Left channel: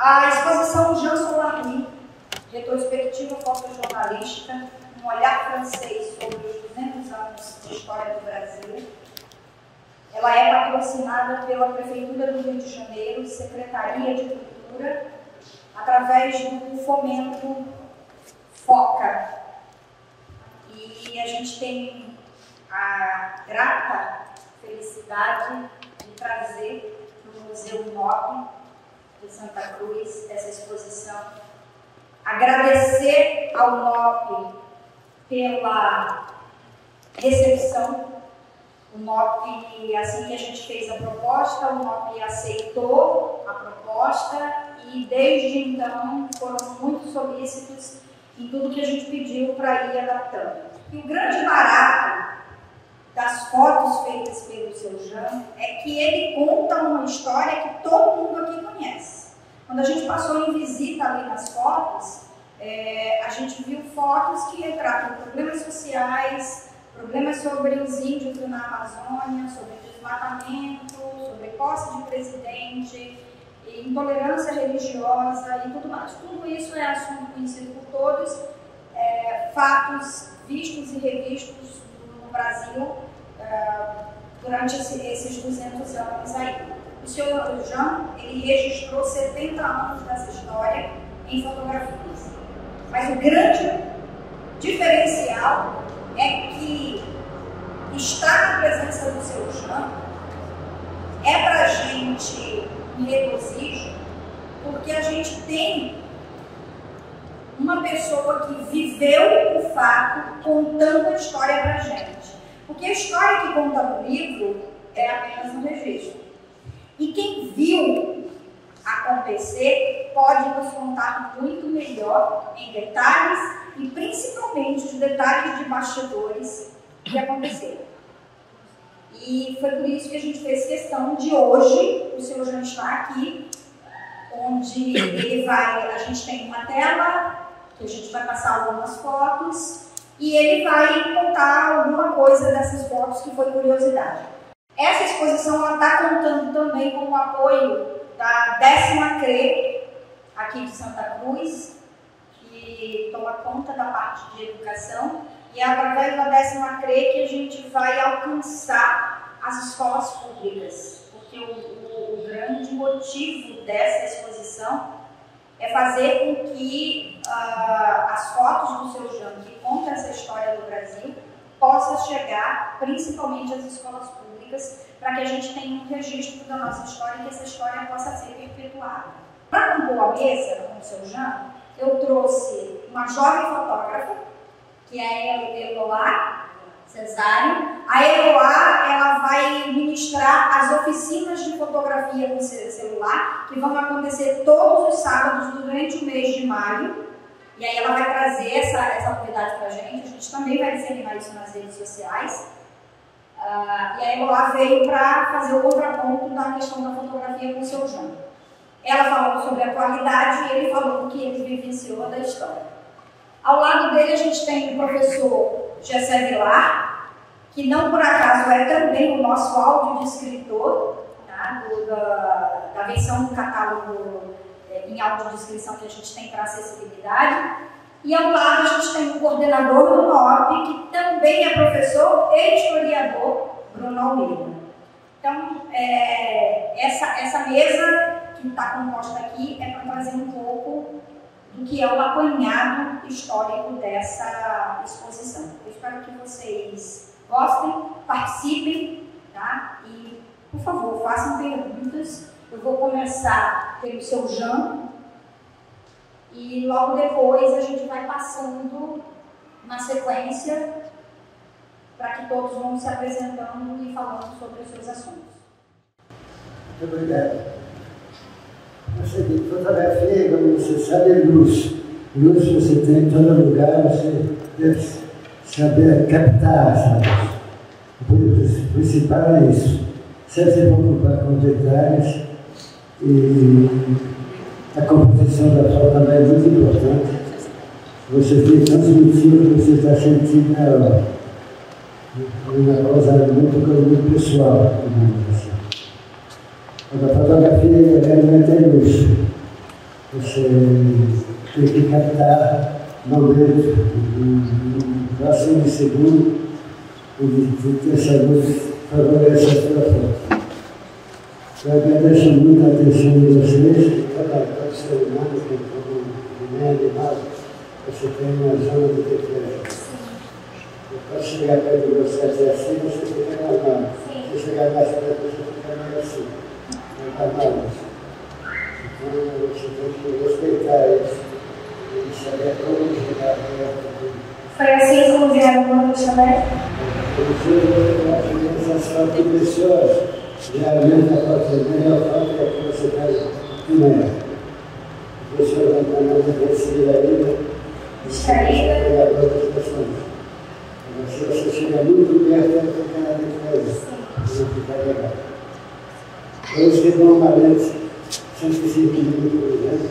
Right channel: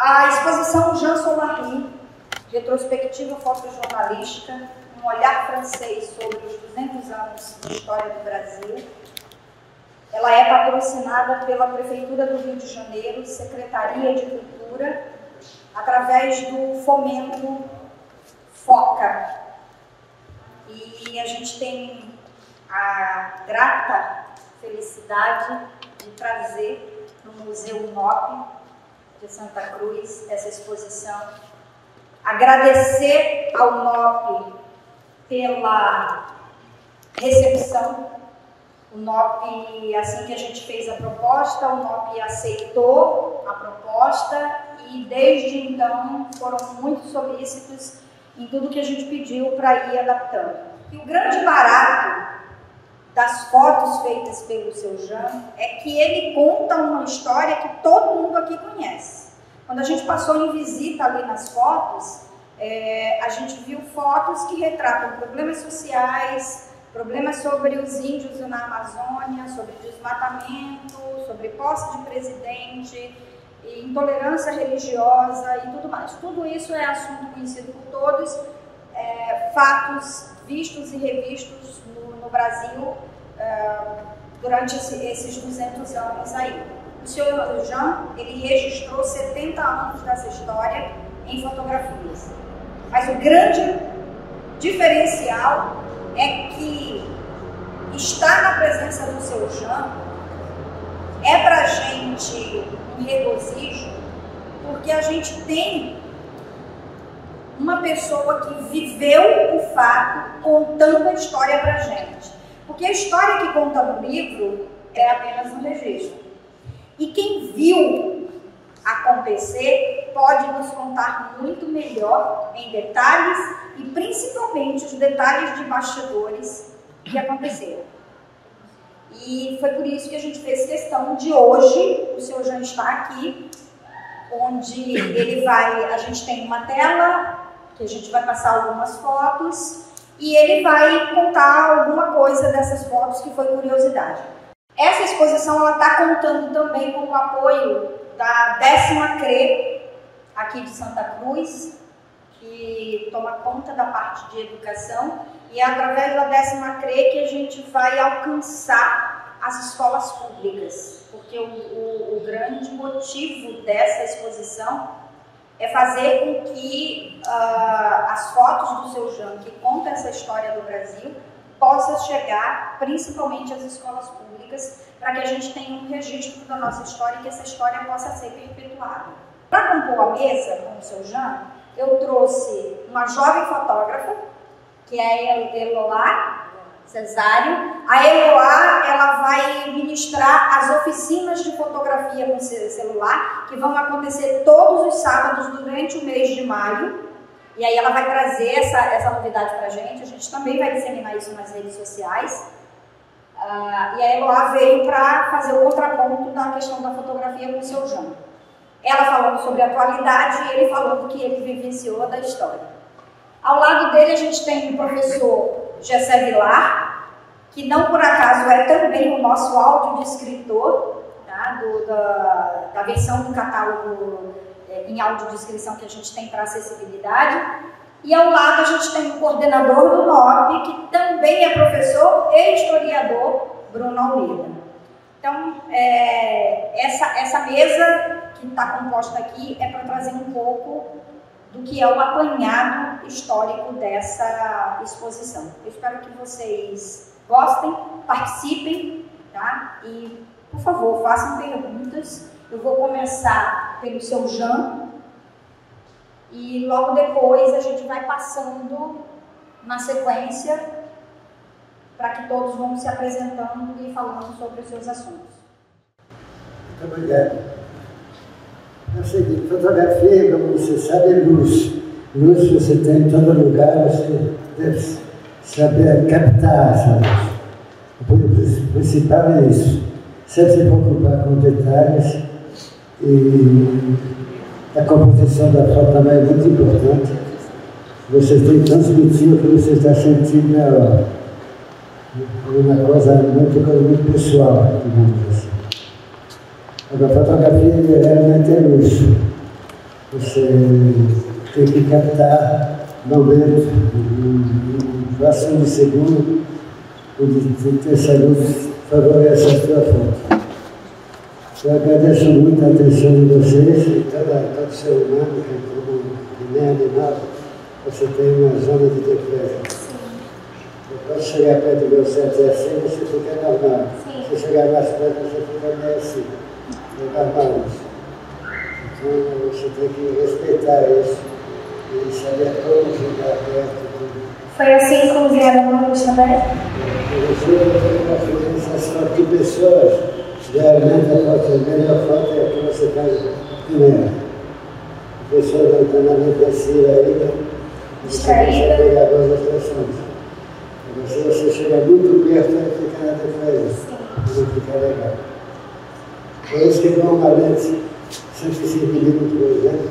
A exposição Jean Solary, retrospectiva fotojornalística, um olhar francês sobre os 200 anos de história do Brasil. Ela é patrocinada pela Prefeitura do Rio de Janeiro, Secretaria de Cultura, através do Fomento FOCA. E a gente tem a grata felicidade de trazer no Museu UNOP de Santa Cruz essa exposição. Agradecer ao UNOP pela recepção. O UNOP, assim que a gente fez a proposta, o UNOP aceitou a proposta e desde então foram muito solícitos em tudo que a gente pediu para ir adaptando. E o grande barato das fotos feitas pelo seu Jean é que ele conta uma história que todo mundo aqui conhece. Quando a gente passou em visita ali nas fotos, a gente viu fotos que retratam problemas sociais, problemas sobre os índios na Amazônia, sobre desmatamento, sobre posse de presidente, intolerância religiosa e tudo mais. Tudo isso é assunto conhecido por todos, fatos vistos e revistos no Brasil durante esses 200 anos aí. O senhor Jean, ele registrou 70 anos dessa história em fotografias. Mas o grande diferencial é que estar na presença do seu Jean é para a gente um regozijo, porque a gente tem uma pessoa que viveu o fato contando a história para a gente. Porque a história que conta no livro é apenas um registro. E quem viu acontecer pode nos contar muito melhor em detalhes e principalmente os detalhes de bastidores que aconteceram. E foi por isso que a gente fez questão de hoje, o senhor Jean está aqui, onde a gente tem uma tela, que a gente vai passar algumas fotos, e ele vai contar alguma coisa dessas fotos que foi curiosidade. Essa exposição está contando também com o apoio da 10ª CRE, aqui de Santa Cruz, que toma conta da parte de educação, e é através da 10ª CRE que a gente vai alcançar as escolas públicas, porque o grande motivo dessa exposição é fazer com que as fotos do seu Jean, que conta essa história do Brasil, possam chegar principalmente às escolas públicas, para que a gente tenha um registro da nossa história e que essa história possa ser perpetuada. Para compor a mesa com o seu Jean, eu trouxe uma jovem fotógrafa, que é a Eloá Cesário. A Eloá, ela vai ministrar as oficinas de fotografia com celular, que vão acontecer todos os sábados durante o mês de maio. E aí ela vai trazer essa novidade para a gente também vai disseminar isso nas redes sociais. E a Eloá veio para fazer o contraponto da questão da fotografia com o seu Jean. Ela falando sobre a atualidade e ele falando do que ele vivenciou da história. Ao lado dele a gente tem o professor Gessé Vilar, que não por acaso é também o nosso áudio de escritor, tá? da versão do catálogo em audiodescrição que a gente tem para acessibilidade. E ao lado a gente tem o coordenador do NOP, que também é professor e historiador, Bruno Almeida. Então, essa mesa que está composta aqui é para trazer um pouco do que é o apanhado histórico dessa exposição. Eu espero que vocês gostem, participem, tá? E, por favor, façam perguntas. Eu vou começar pelo seu Jean e logo depois a gente vai passando na sequência para que todos vão se apresentando e falando sobre os seus assuntos. Muito obrigado. É o seguinte, fotografia, como você sabe, é luz. Luz você tem em todo lugar, você deve saber captar essa luz. O principal é isso. Sempre se preocupar com detalhes e a composição da foto também é muito importante. Você tem que transmitir o que você está sentindo na hora. Uma coisa muito pessoal, digamos assim. A fotografia realmente é luz. Você tem que captar momento, fração de segundo, de ter saúde, favorece a sua foto. Eu agradeço muito a atenção de vocês e todo ser humano, que nem animal, você tem uma zona de defesa. Eu posso chegar perto de você até assim, você fica normal. Se chegar mais perto, você fica meio assim. Não é normal isso. Então você tem que respeitar isso e saber como chegar perto. Foi assim que vieram também? A sensação de pessoas, geralmente a foto dele, a foto é que você está primeiro. A pessoa vai estar na defensiva ainda, e você vai pegar duas expressões. Agora, se você chegar muito perto, ela fica na defesa, não fica legal. Por isso que normalmente, 105 minutos por exemplo,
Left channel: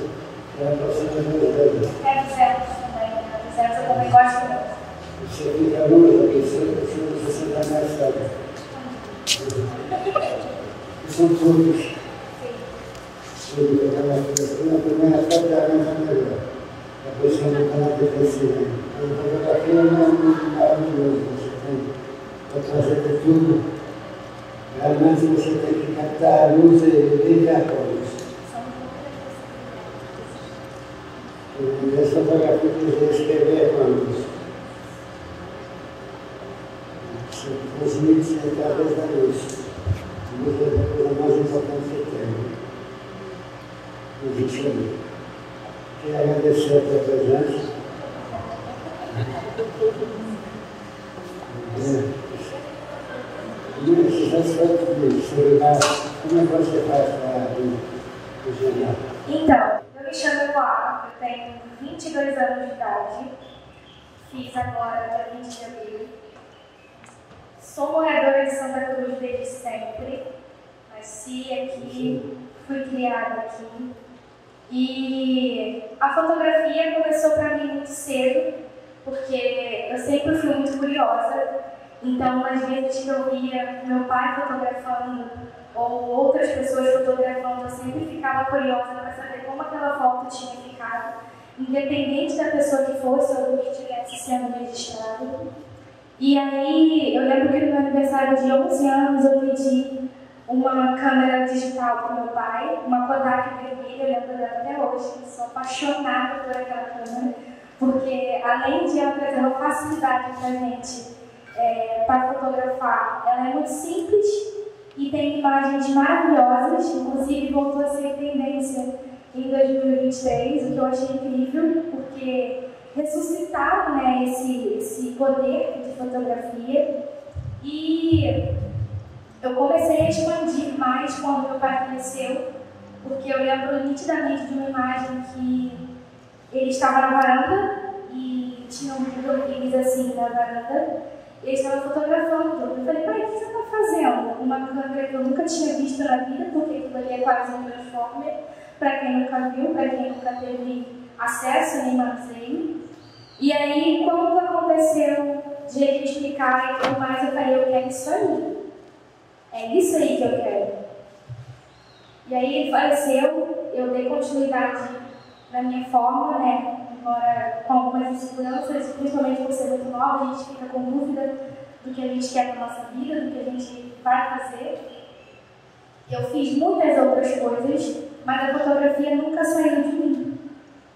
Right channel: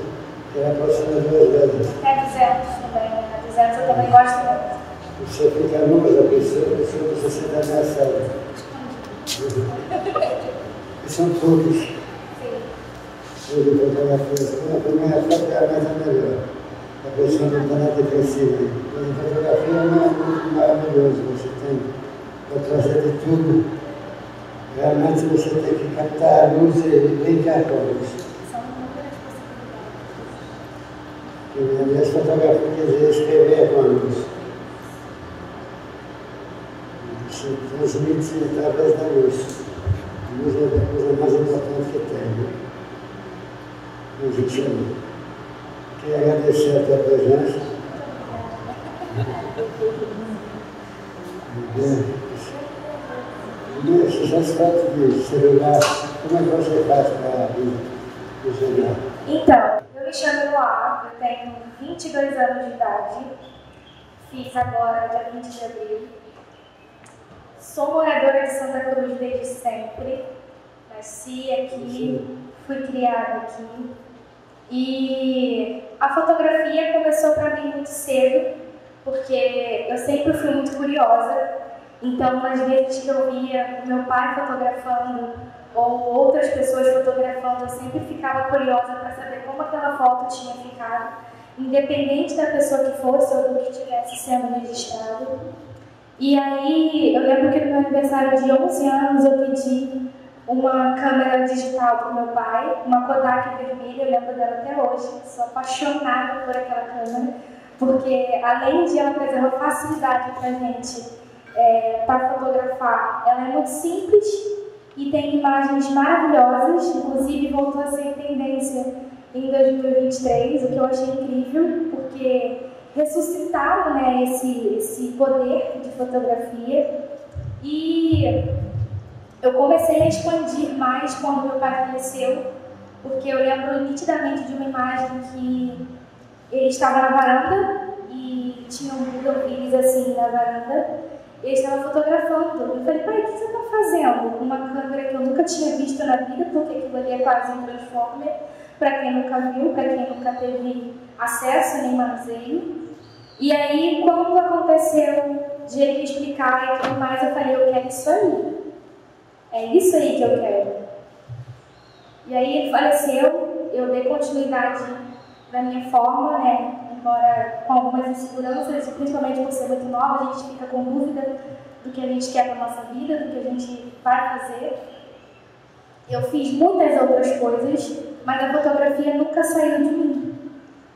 que ela pode ser nas duas vezes. É 200 também, né? 200 eu também gosto muito. Você fica longe da pessoa, se você se sente ameaçado. E são poucos. Eu vou colocar a primeira foto é a mais melhor. A pessoa não está na defensiva. Mas a fotografia não é muito maravilhoso. Você tem para trazer de tudo. Realmente você tem que captar a luz e brincar com a luz. E as fotografias quer dizer escrever com a luz. Se transmite através da luz. A luz é a coisa mais importante que tem. Né? Mas isso aí. Queria agradecer a tua presença. Esses aspectos de celular, como é que você faz para visionar? Então, eu me chamo Eloá, eu tenho 22 anos de idade, fiz agora dia 20 de abril. Sou moradora de Santa Cruz desde sempre, nasci aqui, fui criada aqui. E a fotografia começou para mim muito cedo, porque eu sempre fui muito curiosa. Então, às vezes que eu via meu pai fotografando ou outras pessoas fotografando, eu sempre ficava curiosa para saber como aquela foto tinha ficado, independente da pessoa que fosse ou do que estivesse sendo registrado. E aí, eu lembro que no meu aniversário de 11 anos eu pedi uma câmera digital para o meu pai, uma Kodak vermelha, eu lembro dela até hoje, sou apaixonada por aquela câmera, porque além de ela trazer uma facilidade para a gente para fotografar, ela é muito simples e tem imagens maravilhosas, inclusive voltou a ser tendência em 2023, o que eu achei incrível, porque ressuscitaram, né, esse poder de fotografia. E eu comecei a expandir mais quando meu pai faleceu, porque eu lembro nitidamente de uma imagem que ele estava na varanda e tinha um bidonville assim na varanda. Ele estava fotografando. Eu falei, pai, o que você está fazendo? Uma câmera que eu nunca tinha visto na vida, porque aquilo ali é quase um Transformer, para quem nunca viu, para quem nunca teve acesso nem manuseio. E aí, quando aconteceu de ele explicar e tudo mais, eu falei, eu quero isso aí. É isso aí que eu quero. E aí ele faleceu, eu dei continuidade da minha forma, né? Embora com algumas inseguranças, principalmente por ser muito nova, a gente fica com dúvida do que a gente quer para a nossa vida, do que a gente vai fazer. Eu fiz muitas outras coisas, mas a fotografia nunca saiu de mim.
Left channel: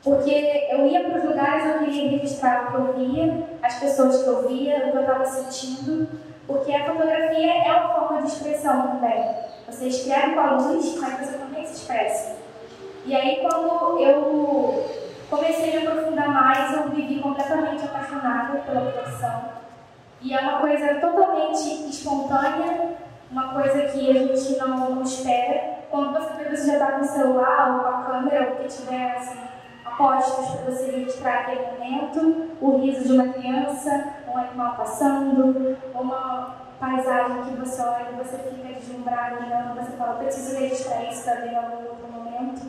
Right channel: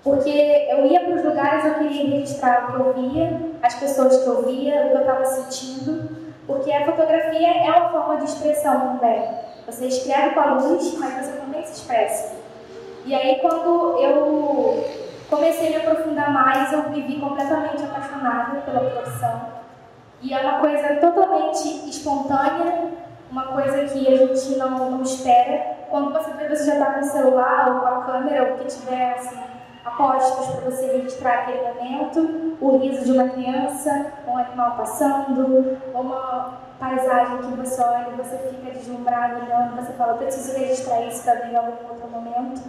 Porque eu ia para os lugares, eu queria registrar o que eu via, as pessoas que eu via, o que eu estava sentindo, porque a fotografia é uma forma de expressão também. Você escreve com a luz, mas você também se expressa. E aí, quando eu comecei a me aprofundar mais, eu me vi completamente apaixonada pela profissão. E é uma coisa totalmente espontânea, uma coisa que a gente não espera. Quando você já está com o celular ou com a câmera, ou o que tiver assim, apostos para você registrar aquele momento, o riso de uma criança, um animal passando, uma paisagem que você olha e você fica deslumbrado, e você fala, preciso registrar isso também em algum outro momento.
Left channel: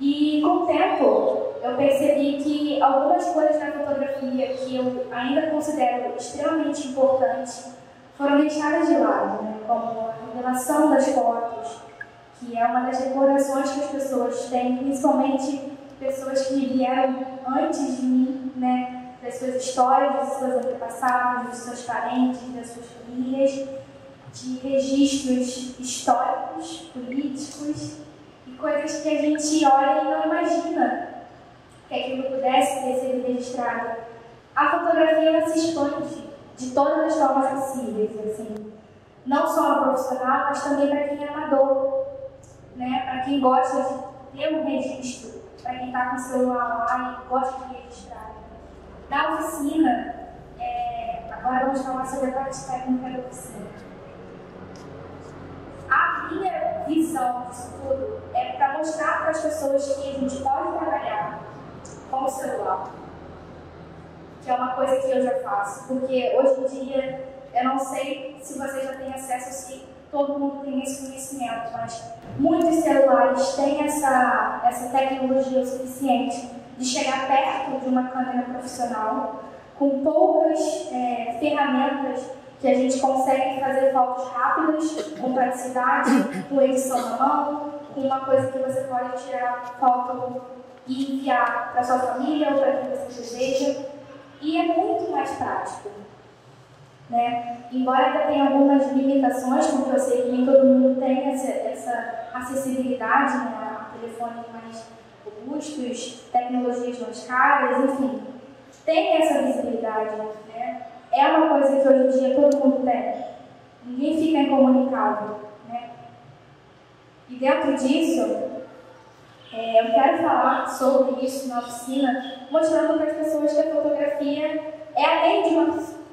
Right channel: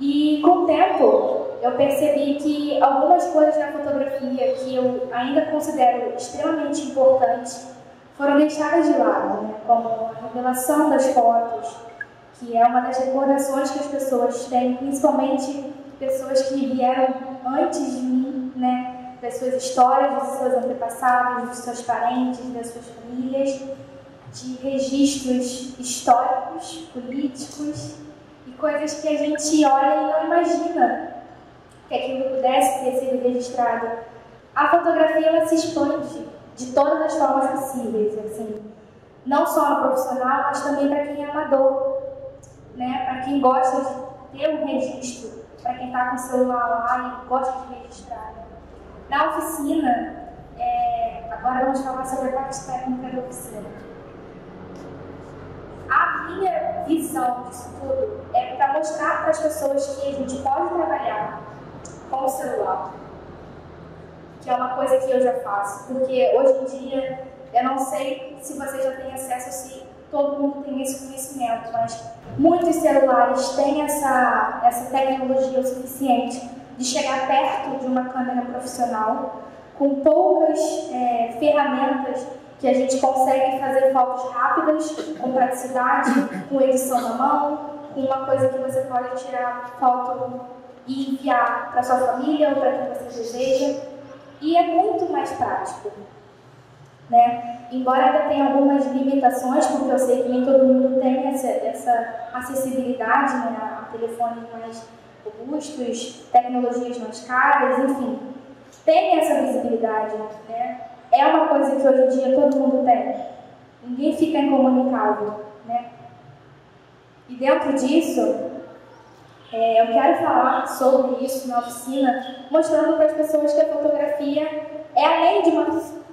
E com o tempo, eu percebi que algumas coisas na fotografia que eu ainda considero extremamente importantes foram deixadas de lado, né? Como a revelação das fotos, que é uma das recordações que as pessoas têm, principalmente pessoas que vieram antes de mim, né, das suas histórias, dos seus antepassados, dos seus parentes, das suas famílias, de registros históricos, políticos e coisas que a gente olha e não imagina que aquilo pudesse ter sido registrado. A fotografia ela se expande de todas as formas possíveis, assim, não só a profissional, mas também para quem é amador, né? Para quem gosta de ter um registro, para quem está com o celular lá e gosta de registrar. Na oficina, agora vamos falar sobre a parte técnica da oficina. A minha visão disso tudo é para mostrar para as pessoas que a gente pode trabalhar com o celular, que é uma coisa que eu já faço, porque hoje em dia eu não sei se você já tem acesso, se todo mundo tem esse conhecimento, mas muitos celulares têm essa tecnologia o suficiente de chegar perto de uma câmera profissional, com poucas ferramentas que a gente consegue fazer fotos rápidas, com praticidade, com edição na mão, com uma coisa que você pode tirar foto e enviar para sua família ou para quem você deseja, e é muito mais prático, né? Embora ainda tenha algumas limitações, porque eu sei que nem todo mundo tem essa acessibilidade, né, a telefones mais robustos, tecnologias mais caras, enfim, tem essa visibilidade, né? É uma coisa que hoje em dia todo mundo tem, ninguém fica incomunicável, né? E dentro disso, eu quero falar sobre isso na oficina, mostrando para as pessoas que a fotografia é além de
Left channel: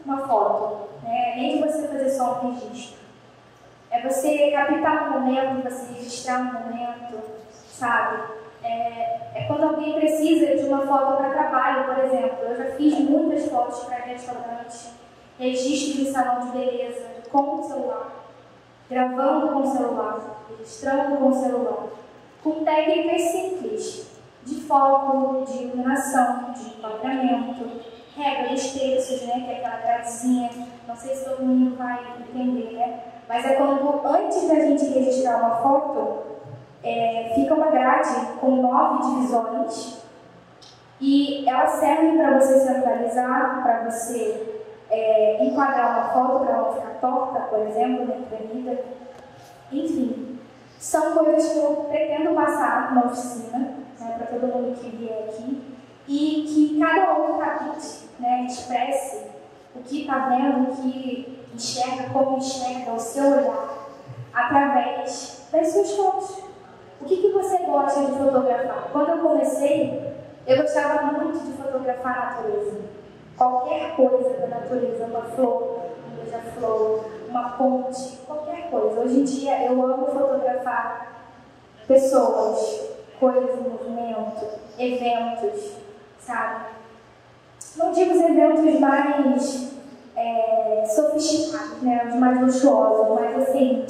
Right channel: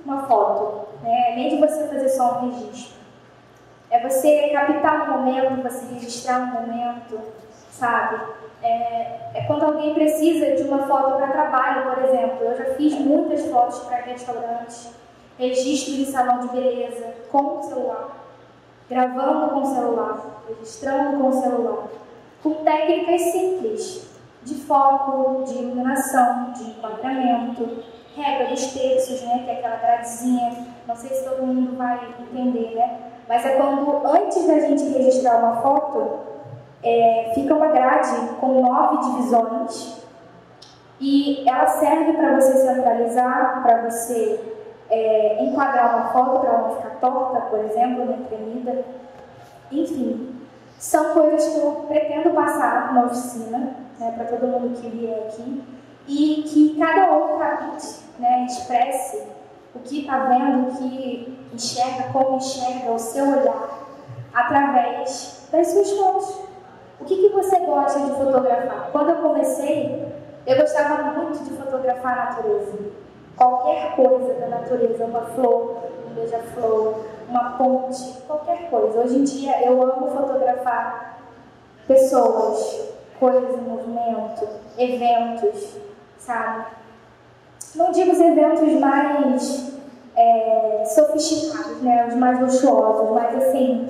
uma foto, né? Além de você fazer só um registro. É você captar um momento, você registrar um momento, sabe? É quando alguém precisa de uma foto para trabalho, por exemplo. Eu já fiz muitas fotos para restaurantes, registro em salão de beleza, com o celular, gravando com o celular, registrando com o celular, com técnicas simples, de foco, de iluminação, de enquadramento, regra dos terços, né, que é aquela gradezinha, não sei se todo mundo vai entender, né? Mas é quando, antes da gente registrar uma foto, fica uma grade com 9 divisões e ela serve para você centralizar, para você enquadrar uma foto para ela não ficar torta, por exemplo, nem tremida. Enfim, são coisas que eu pretendo passar na oficina, né, para todo mundo que vier aqui, e que cada um capite, né, expresse o que está vendo, o que enxerga, como enxerga o seu olhar, através das suas fotos. O que você gosta de fotografar? Quando eu comecei, eu gostava muito de fotografar a natureza. Qualquer coisa da natureza, uma flor, um beija-flor, uma ponte, qualquer coisa. Hoje em dia eu amo fotografar pessoas, coisas em movimento, eventos, sabe? Não digo os eventos mais sofisticados, né? Os mais luxuosos, mas assim,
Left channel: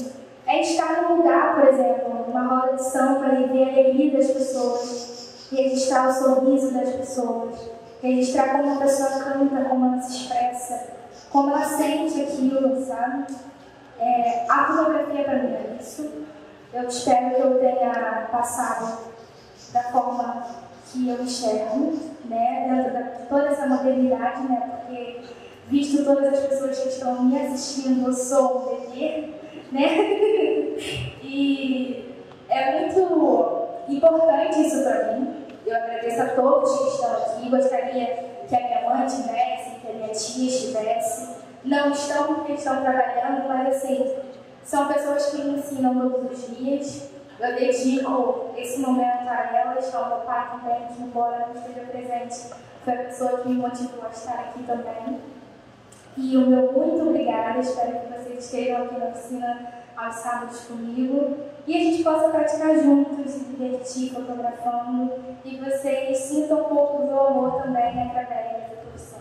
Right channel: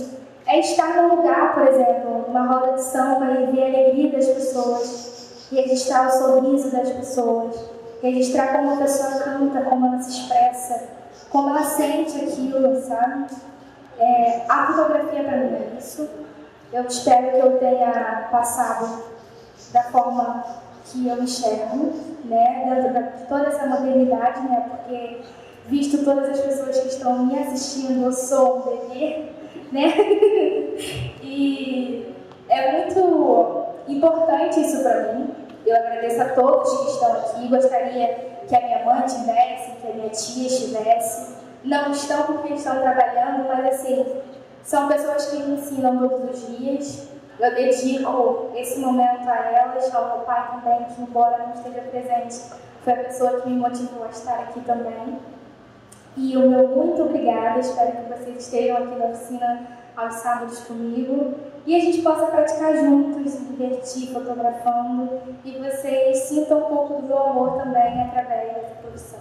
estar num lugar, por exemplo, numa roda de samba e ver a alegria das pessoas, registrar o sorriso das pessoas, registrar como a pessoa canta, como ela se expressa, como ela sente aquilo, sabe? A fotografia para mim é isso. Eu espero que eu tenha passado da forma que eu enxergo, né? Dentro de toda essa modernidade, né? Porque, visto todas as pessoas que estão me assistindo, eu sou um bebê, né? E é muito importante isso para mim. Eu agradeço a todos que estão aqui. Gostaria que a minha mãe estivesse, que a minha tia estivesse. Não estão porque estão trabalhando, mas assim, são pessoas que me ensinam todos os dias. Eu dedico esse momento a elas, ao meu pai também, que embora não esteja presente, foi a pessoa que me motivou a estar aqui também. E o meu muito obrigada, espero que vocês estejam aqui na oficina aos sábados comigo e a gente possa praticar juntos, se divertir fotografando e vocês sintam um pouco do meu amor também através dessa profissão.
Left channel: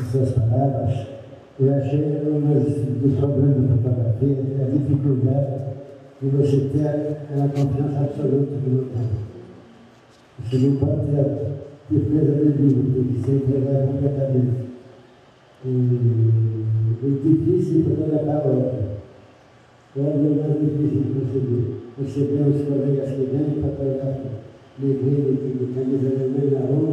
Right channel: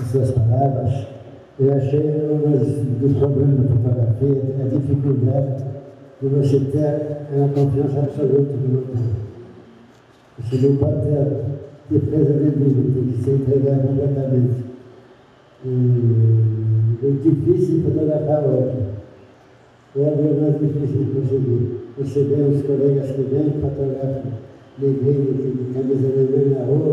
As suas palavras, eu achei um dos problemas da fotografia a dificuldade de você ter uma confiança absoluta no outro. Você não pode ter defesa nenhuma, tem que ser entregado completamente. difícil de fotografar outra. Outra é mais difícil de conseguir. Você vê os colegas que vêm e fotografam neguinho de camisa vermelha na rua,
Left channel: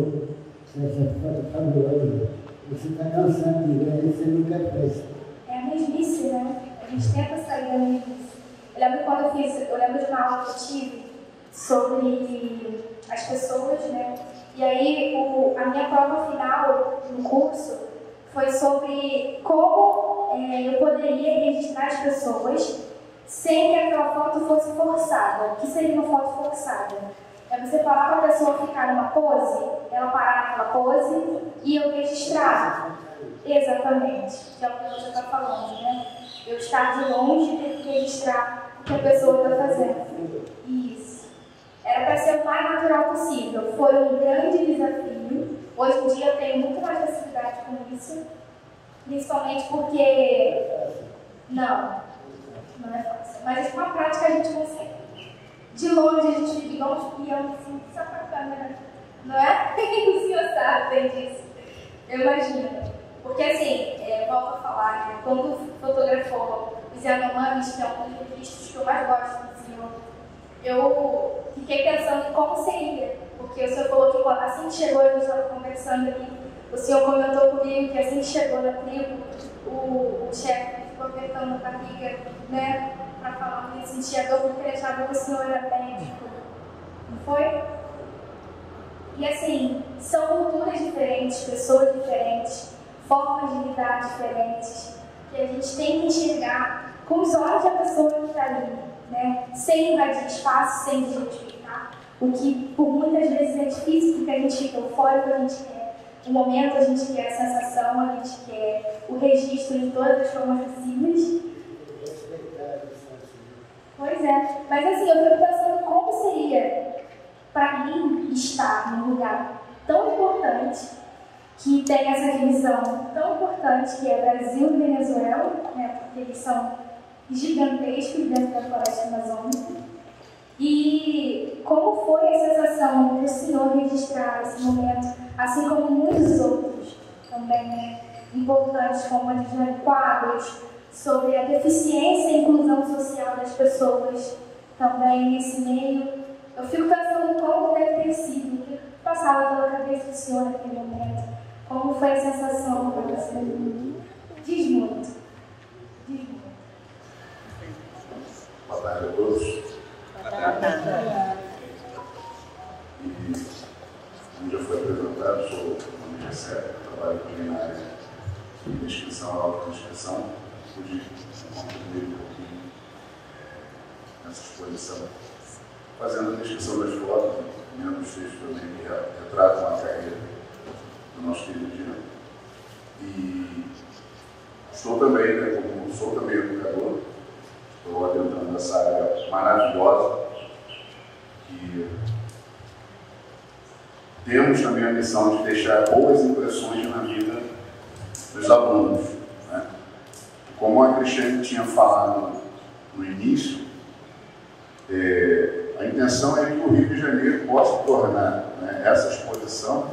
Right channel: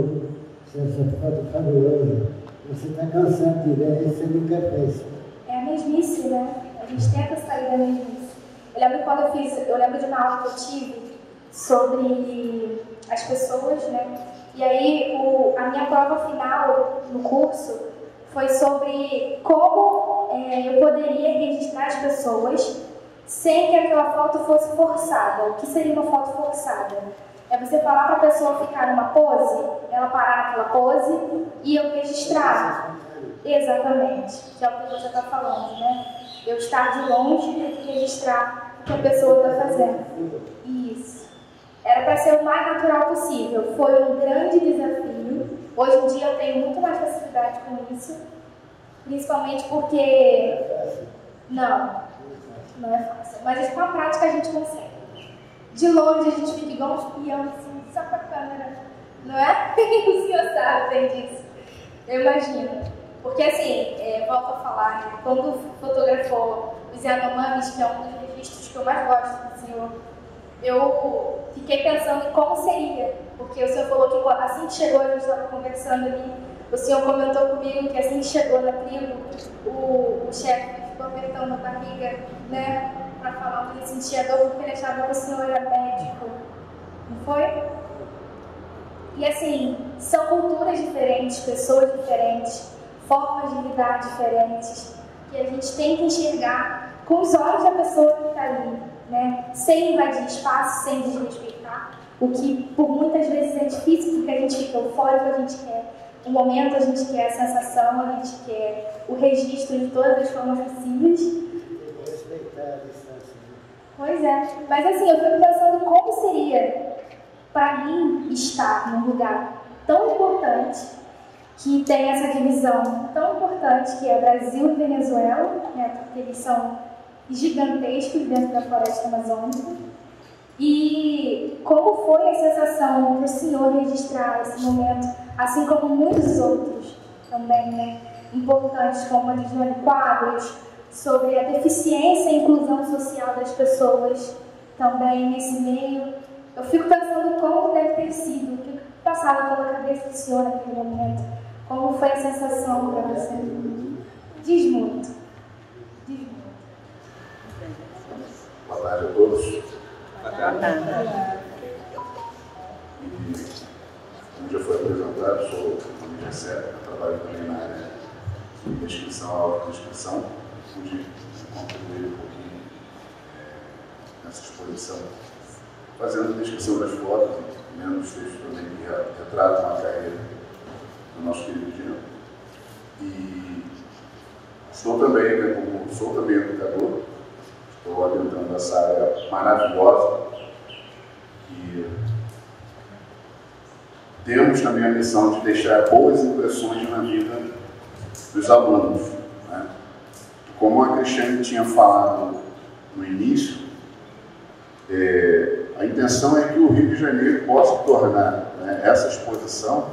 essa foto fabulosa. Você está cansado de ver, você nunca fez. É a mesmice, né? A gente tenta sair da mesmice. Eu lembro de uma aula que eu tive sobre as pessoas, né? E aí a minha prova final no curso foi sobre como eu poderia registrar as pessoas sem que aquela foto fosse forçada. O que seria uma foto forçada? É você falar para a pessoa ficar numa pose, ela parar naquela pose e eu registrar. Exatamente, que é o que você está falando, né? Eu estar de longe e ter que registrar o que a pessoa está fazendo. Isso. Era para ser o mais natural possível. Foi um grande desafio. Hoje em dia eu tenho muito mais facilidade com isso. Principalmente porque... Não é fácil. Mas com a prática a gente consegue. De longe a gente fica igual um espião, assim, só com a câmera. Não é? O senhor sabe, tem disso. Eu imagino. Porque assim, volto a falar, né? Quando fotografou os Yanomamis, que é um dos registros que eu mais gosto do senhor, eu fiquei pensando em como seria. Porque o senhor falou que assim que chegou, eu estava conversando ali, o senhor comentou comigo que assim que chegou na tribo, o chefe ficou apertando a barriga, né? Para falar que ele sentia dor porque ele achava que o senhor era médico. Não foi? E assim, são culturas diferentes, pessoas diferentes, formas de lidar diferentes, que a gente tem que enxergar com os olhos da pessoa que está ali, né? Sem invadir espaço, sem desrespeitar, o que por muitas vezes é difícil, porque a gente fica eufórico, a gente quer o momento, a gente quer a sensação, a gente quer o registro de todas as formas possíveis. Pois é, mas assim, eu fico pensando como seria para mim estar num lugar tão importante, que tem essa divisão tão importante, que é Brasil e Venezuela, né, porque eles são gigantescos dentro da floresta amazônica. E como foi a sensação para o senhor registrar esse momento, assim como muitos outros também, né, importantes, como a de quadros, sobre a deficiência e inclusão social das pessoas também nesse meio. Eu fico pensando como deve ter sido, o que passava pela cabeça do senhor naquele momento, como foi a sensação para você. Diz muito. Boa tarde a todos. E, como já foi apresentado, sou o nome José, trabalho também na área de descrição, autodescrição. Pude contribuir um pouquinho nessa exposição, fazendo a descrição das fotos e lendo os textos também que retratam a carreira do nosso querido Jean. E sou também educador, estou adentrando essa área maravilhosa e temos também a missão de deixar boas impressões na vida dos alunos. Né? Como a Cristiane tinha falado no início, a intenção é que o Rio de Janeiro possa tornar, né, essa exposição,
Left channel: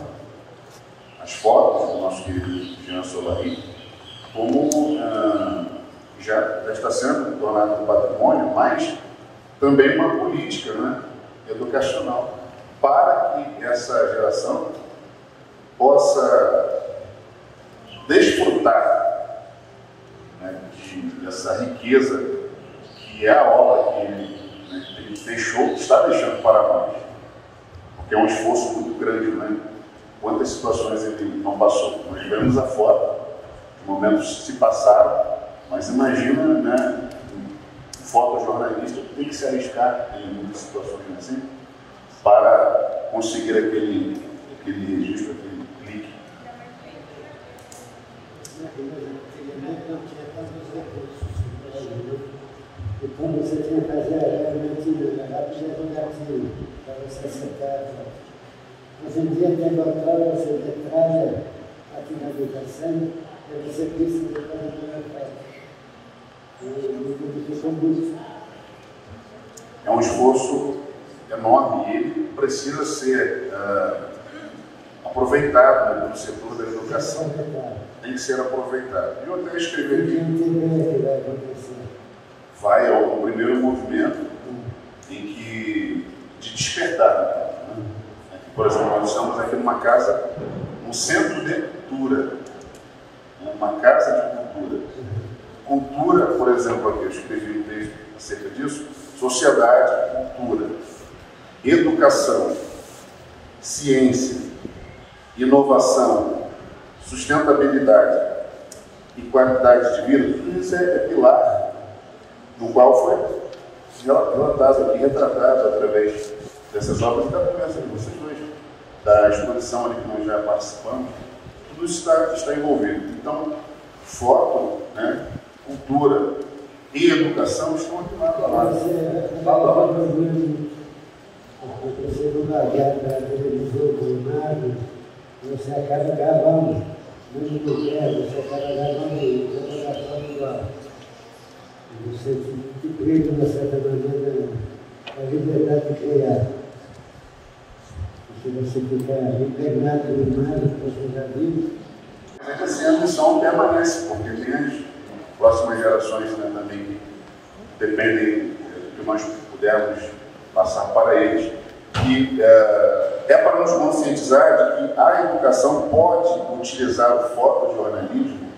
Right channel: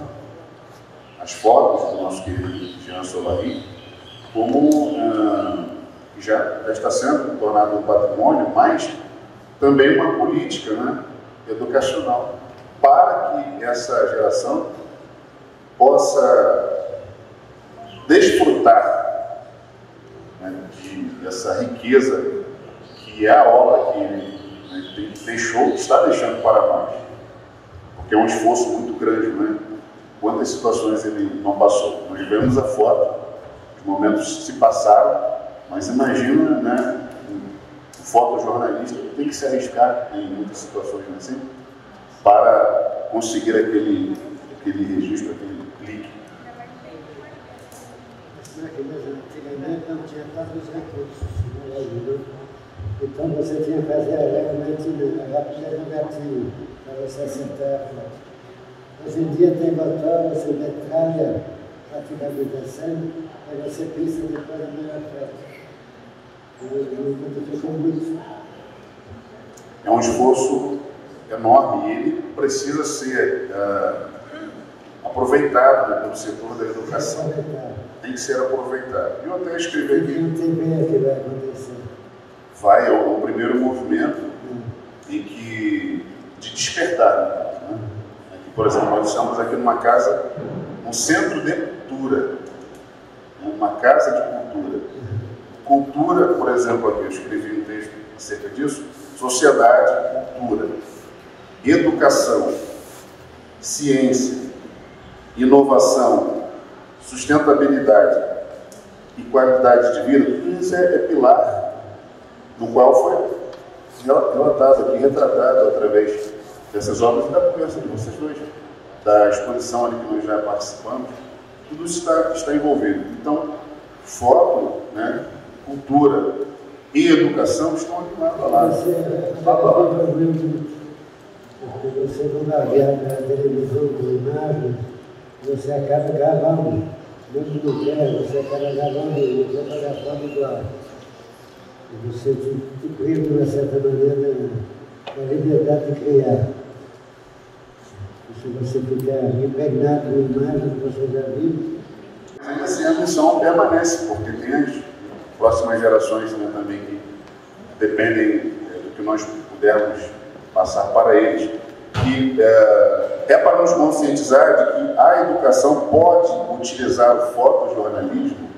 as fotos do nosso querido Jean Solari, como já está sendo tornado um patrimônio, mas também uma política, né, educacional, para que essa geração possa desfrutar, né, dessa riqueza que é a obra que ele deixou, está deixando para nós, porque é um esforço muito grande, né? Quantas situações ele não passou. Nós vemos a foto, os momentos se passaram, mas imagina, né, um fotojornalista que tem que se arriscar em muitas situações assim, para conseguir aquele registro, aquele clique. Antigamente não tinha tantos recursos, então você tinha que fazer a rápida do gatilho para você acertar a foto. Hoje em dia tem botão, você detalha a finalização, aí você pensa depois da primeira foto. Ficou muito. É um esforço enorme e ele precisa ser aproveitado, né, pelo setor da educação. tem que ser aproveitado. Eu até escrevi aqui. Não tem bem o que vai acontecer. Vai ao primeiro movimento em que, de despertar. Né? Por exemplo, nós estamos aqui numa casa, um centro de cultura, uma casa de cultura. Cultura, por exemplo, aqui eu escrevi um texto acerca disso, sociedade, cultura, educação, ciência, inovação, sustentabilidade e qualidade de vida, tudo isso é pilar no qual foi relatado aqui, retratado através dessas obras da conversa de vocês dois, da exposição ali que nós já participamos, tudo isso está envolvido. Então, foto, né, cultura e educação estão aqui na palavra. Porque você não largado na televisão com nada, você acaba gravando. Mesmo não quer, você acaba gravando e você vai foto igual. E você te priva, de certa maneira, a liberdade de criar. E se você ficar impregnado com a imagem que você já viu. Mas assim, a missão permanece, porque tem as próximas gerações, né, também que dependem do que nós pudermos passar para eles. E é para nos conscientizar de que a educação pode utilizar o fotojornalismo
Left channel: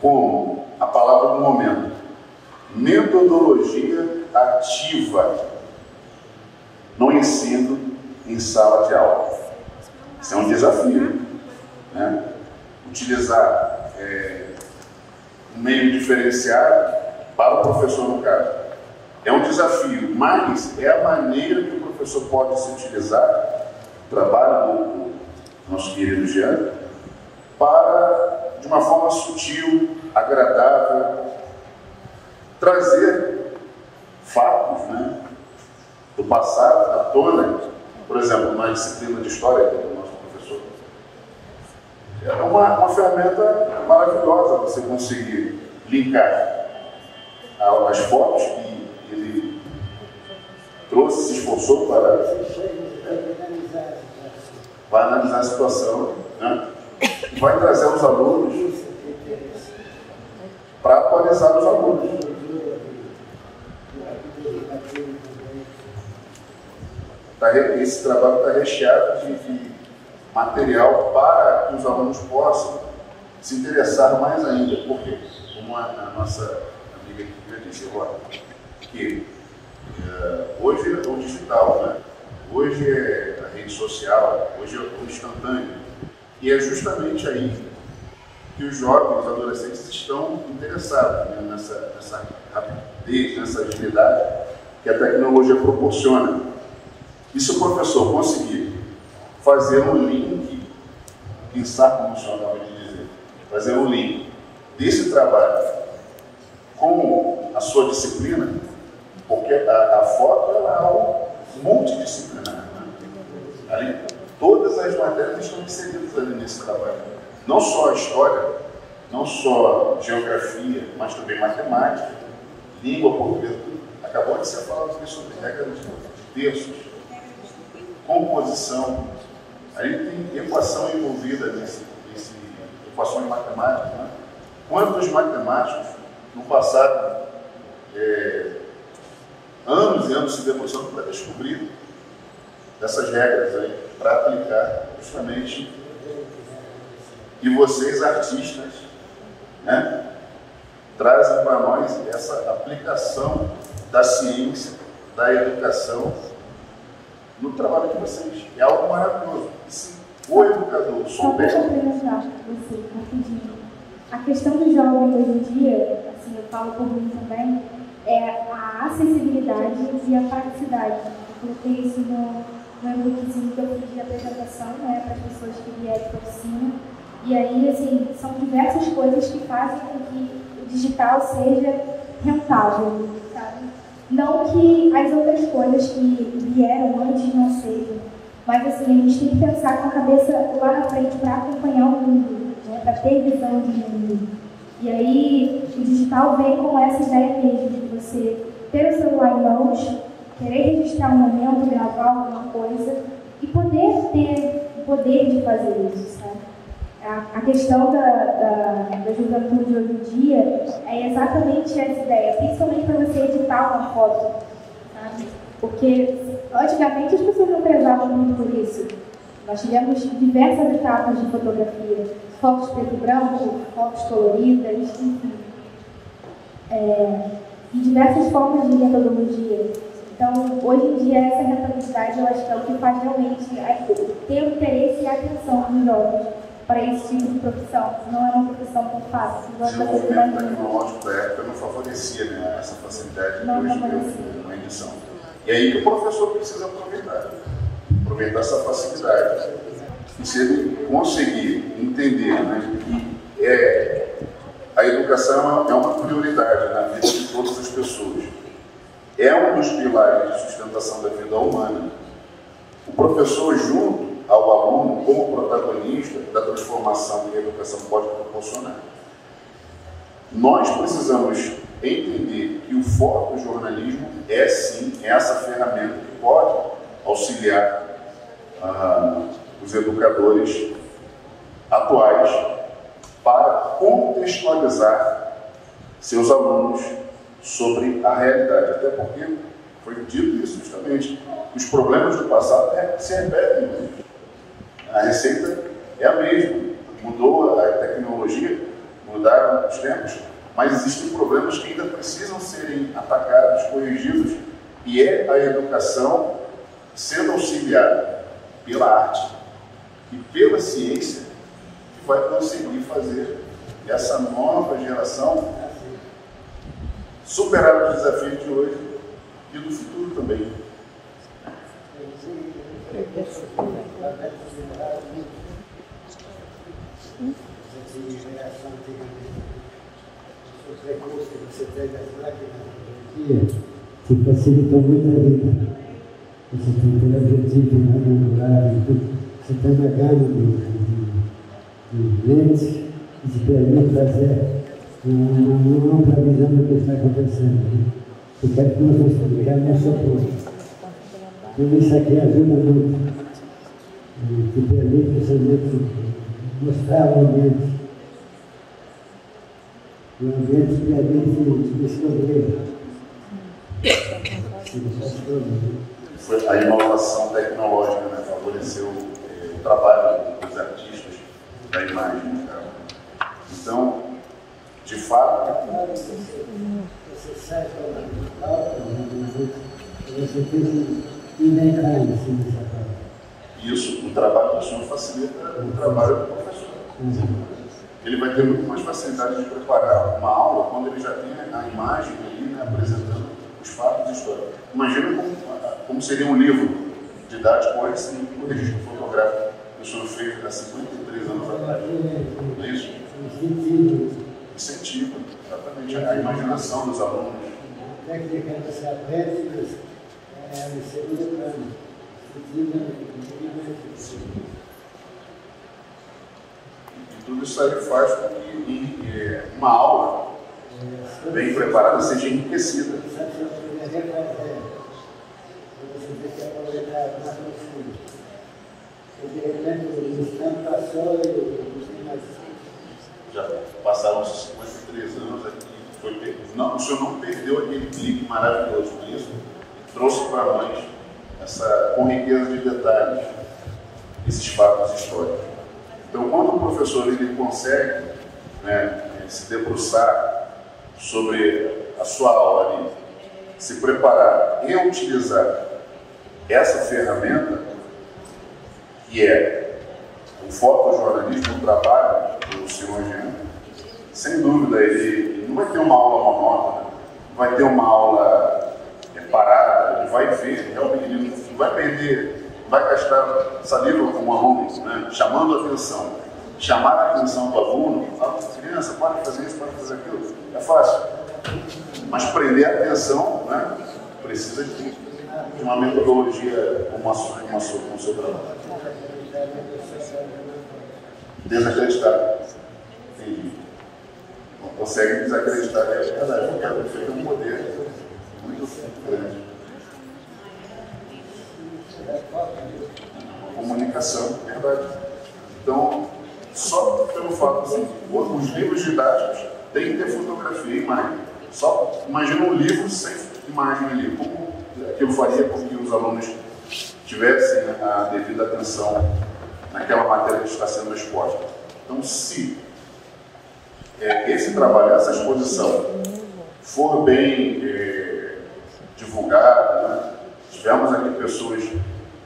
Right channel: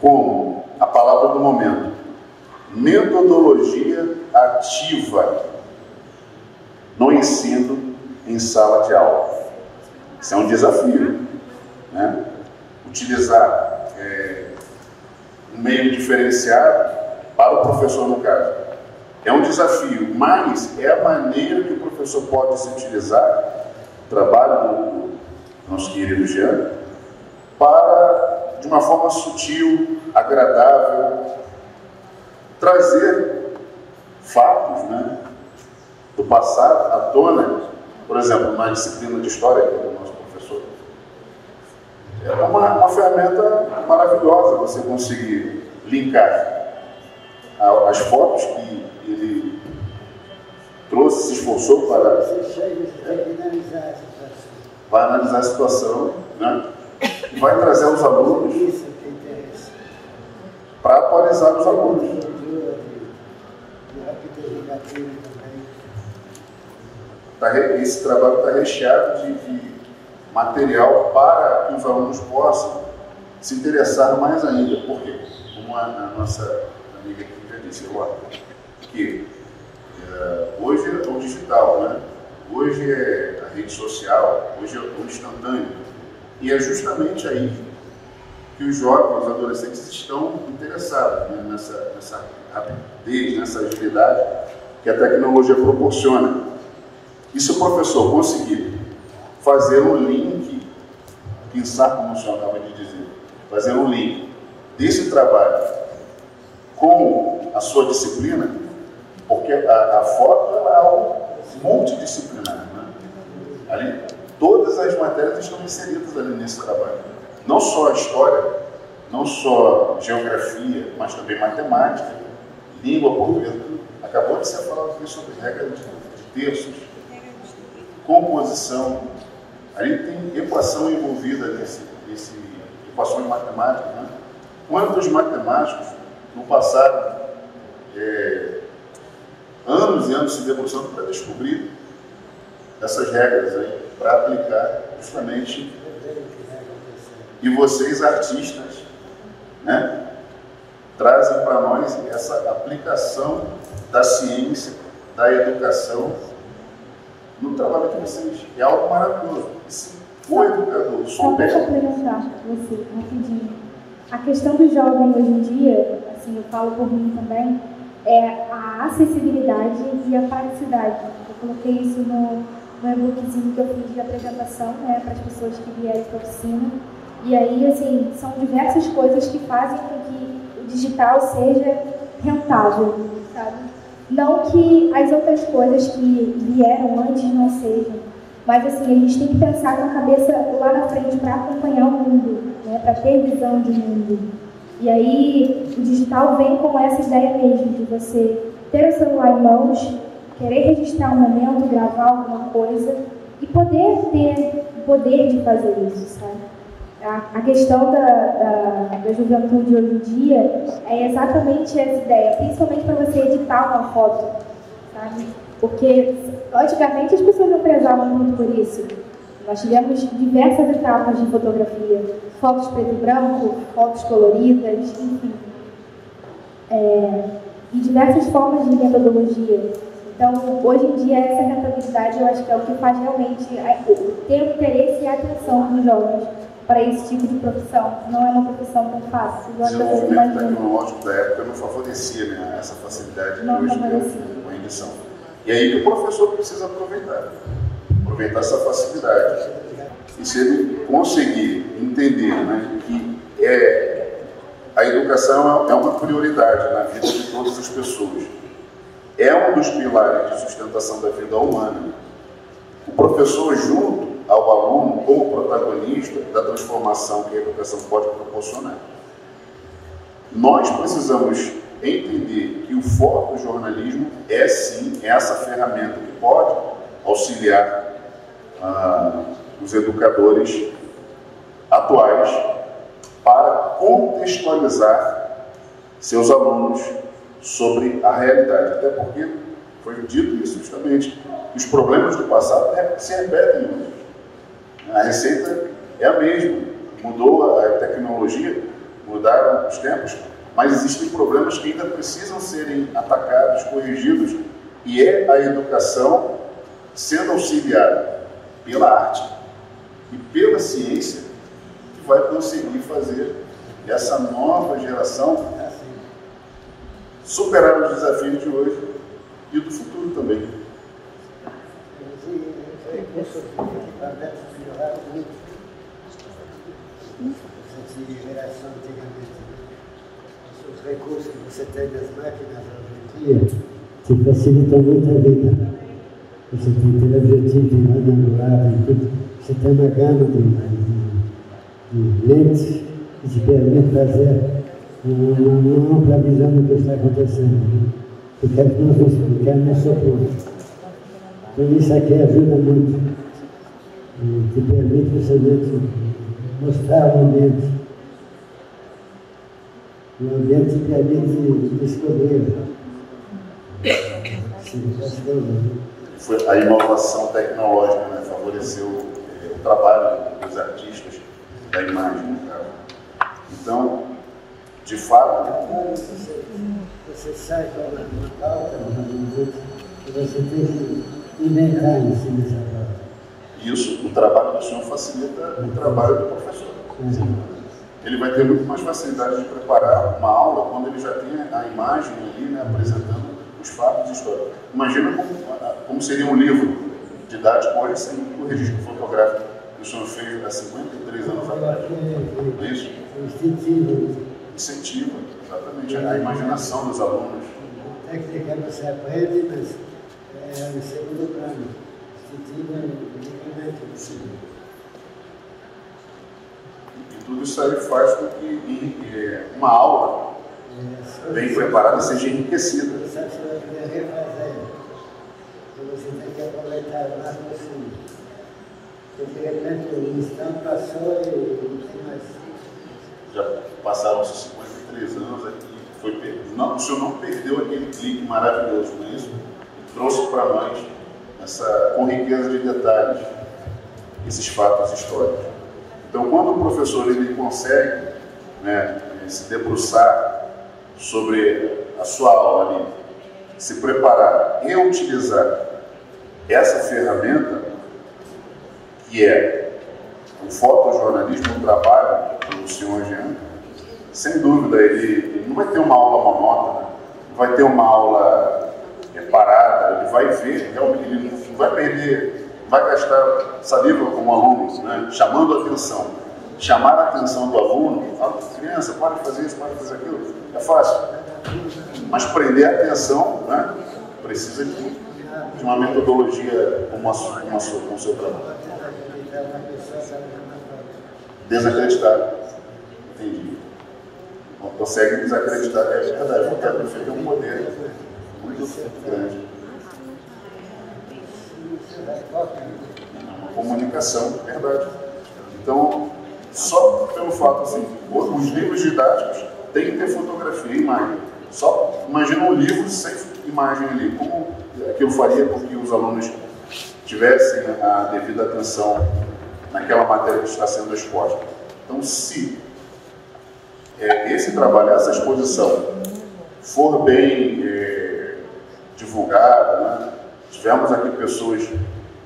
como a palavra do momento, metodologia ativa no ensino em sala de aula. Isso é um desafio, né? Utilizar um meio diferenciado para o professor no caso. É um desafio, mas é a maneira que o professor pode se utilizar, trabalho do nosso querido Jean, para, de uma forma sutil, agradável, trazer fatos, né, do passado à tona. Por exemplo, na disciplina de História, que é o nosso professor, é uma ferramenta maravilhosa você conseguir linkar as fotos que ele trouxe, se esforçou para... Você chega e tem que analisar a situação. Vai analisar a situação, né? Vai trazer os alunos Isso que interessa. para atualizar os alunos. De rapidez educativa também. Esse trabalho está recheado de material para que os alunos possam se interessar mais ainda. Por quê? Como a nossa amiga aqui disse, que hoje é o digital, né? Hoje é a rede social, hoje é o instantâneo. E é justamente aí que os jovens, os adolescentes estão interessados, né? nessa rapidez, nessa agilidade que a tecnologia proporciona. E se o professor conseguir fazer um link, pensar como o senhor acaba de dizer, fazer um link desse trabalho com a sua disciplina, porque a foto é algo multidisciplinar, né? Ali, todas as matérias estão inseridas ali nesse trabalho. Não só a história, não só geografia, mas também matemática, língua pública. Acabou de ser falado aqui sobre regras de terços, composição. Ali tem equação envolvida equações matemáticas, né? Quantos matemáticos no passado, anos e anos se debruçando para descobrir essas regras aí, para aplicar justamente. E vocês, artistas, né, trazem para nós essa aplicação da ciência, da educação no trabalho de vocês. É algo maravilhoso. Se o educador souber... Só para perguntar você, rapidinho. A questão do jovem hoje em dia, assim, eu falo por mim também, é a acessibilidade e a praticidade. Eu coloquei isso no e-bookzinho que eu fiz de apresentação, né, para as pessoas que vierem por cima. E aí, assim, são diversas coisas que fazem com que o digital seja rentável, sabe? Não que as outras coisas que vieram antes não sejam, mas assim, a gente tem que pensar com a cabeça lá na frente para acompanhar o mundo, né, para ter visão de mundo. E aí, o digital vem com essa ideia mesmo, de você ter o celular em mãos, querer registrar um momento, gravar alguma coisa e poder ter o poder de fazer isso, sabe? A questão da juventude hoje em dia é exatamente essa ideia, principalmente para você editar uma foto, sabe? Porque antigamente as pessoas não pesavam muito por isso. Nós tivemos diversas etapas de fotografia, fotos preto e branco, fotos coloridas, enfim. E diversas formas de metodologia. Então, hoje em dia, essa rentabilidade eu acho que é o que faz realmente ter o interesse e a atenção dos jovens para esse tipo de profissão. Não é uma profissão tão fácil. O desenvolvimento tecnológico da época não favorecia, né, essa facilidade na edição. E aí o professor precisa aproveitar essa facilidade. E se ele conseguir entender, né, que a educação é uma prioridade na vida de todas as pessoas, é um dos pilares de sustentação da vida humana, o professor junto ao aluno como protagonista da transformação que a educação pode proporcionar. Nós precisamos entender que o fotojornalismo é sim essa ferramenta que pode auxiliar os educadores atuais para contextualizar seus alunos sobre a realidade. Até porque foi dito isso justamente. Os problemas do passado se repetem hoje. A receita é a mesma. Mudou a tecnologia, mudaram os tempos, mas existem problemas que ainda precisam serem atacados, corrigidos, e é a educação sendo auxiliada pela arte e pela ciência que vai conseguir fazer essa nova geração superar os desafios de hoje e do futuro também. Equipamentos melhoraram muito. Essa geração antigamente. Os recursos que você tem das máquinas hoje em dia te facilitam muito a vida. Você tem teleobjetivo, tem lâmina angular, você tem uma gama de lentes que te permite fazer uma previsão do que está acontecendo. Eu quero não sofrer. Então isso aqui ajuda muito. Te permite você mostrar o ambiente. O ambiente te permite descobrir. A inovação tecnológica, né, favoreceu o trabalho dos artistas da imagem. Então, de fato... Você sai com uma pauta, você tem que inventar em cima dessa pauta. Isso, o trabalho do senhor facilita o trabalho do professor. Ele vai ter muito mais facilidade de preparar uma aula quando ele já tem a imagem ali, né, apresentando os fatos de história. Imagina como seria um livro didático hoje sem um registro fotográfico que o senhor fez há 53 anos atrás. Não é isso? Incentivo, exatamente, a imaginação dos alunos. A técnica você aprende, mas é no segundo plano. E tudo isso aí faz com que uma aula bem preparada seja enriquecida. Você tem que aproveitar o máximo possível. Porque de repente o instante passou e não tem mais. Já passaram-se 53 anos aqui. O senhor não perdeu aquele clique maravilhoso, não é isso? E trouxe para nós essa, com riqueza de detalhes, esses fatos históricos. Então, quando o professor ele consegue, né, se debruçar sobre a sua aula ali, se preparar e utilizar essa ferramenta, que é o fotojornalismo, o trabalho do senhor Jean, sem dúvida, ele não vai ter uma aula monótona, não vai ter uma aula parada, ele vai ver, ele não vai perder, vai gastar saliva como aluno, né, chamando a atenção. Chamar a atenção do aluno, criança, pode fazer isso, pode fazer aquilo, é fácil. Mas prender a atenção, né, precisa de uma metodologia, uma solução. Desacreditar. Entendi. Não consegue desacreditar a realidade, porque a prefeita tem um poder muito grande. Comunicação, é verdade. Então, só pelo fato assim, os livros didáticos têm que ter fotografia e imagem. Só imagina um livro sem imagem ali. Como que eu faria com que os alunos tivessem a devida atenção naquela matéria que está sendo exposta? Então, se esse trabalho, essa exposição for bem divulgada, né? Tivermos aqui pessoas,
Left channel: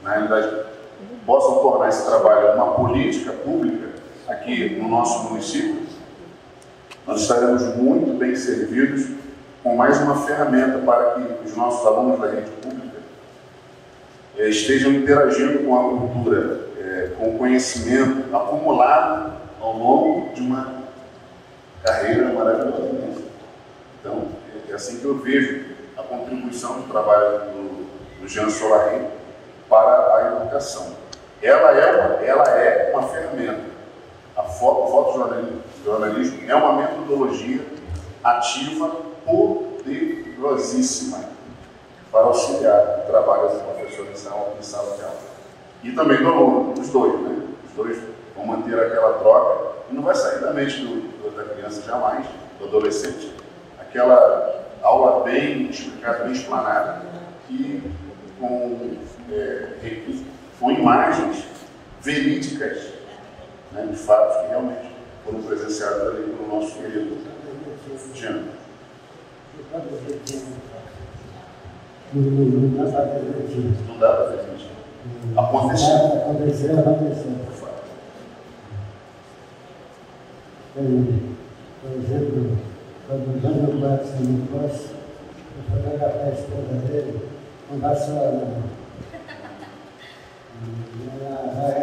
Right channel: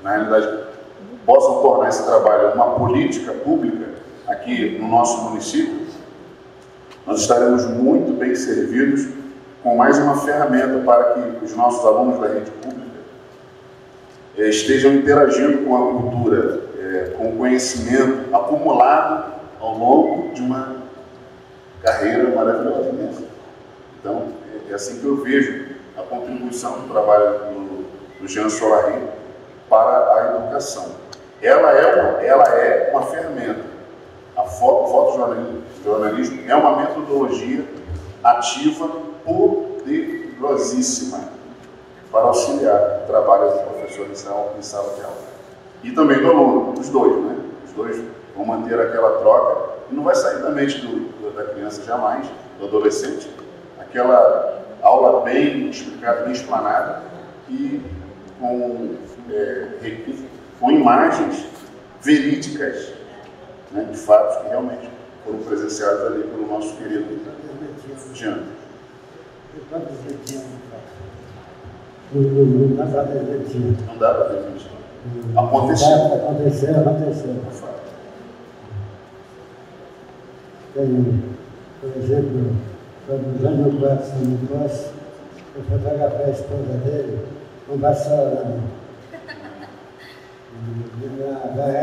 na realidade, possam tornar esse trabalho uma política pública aqui no nosso município, nós estaremos muito bem servidos com mais uma ferramenta para que os nossos alunos da rede pública estejam interagindo com a cultura, com o conhecimento acumulado ao longo de uma carreira maravilhosa. Então, é assim que eu vejo a contribuição do trabalho do Jean Solari para a educação. Ela é uma ferramenta. O fotojornalismo é uma metodologia ativa, poderosíssima para auxiliar o trabalho dos professores em sala de aula. E também do aluno, os dois, né? Os dois vão manter aquela troca e não vai sair da mente da criança jamais, do adolescente, aquela aula bem explicada, bem explanada e com imagens verídicas, né, de fatos que realmente foram presenciados ali pelo nosso querido Jean. Não dá para ver. Não dá para ver. Aconteceu. Por exemplo, quando o Jânio Quatro me trouxe, eu fotografei a esposa dele com vassoura na mão.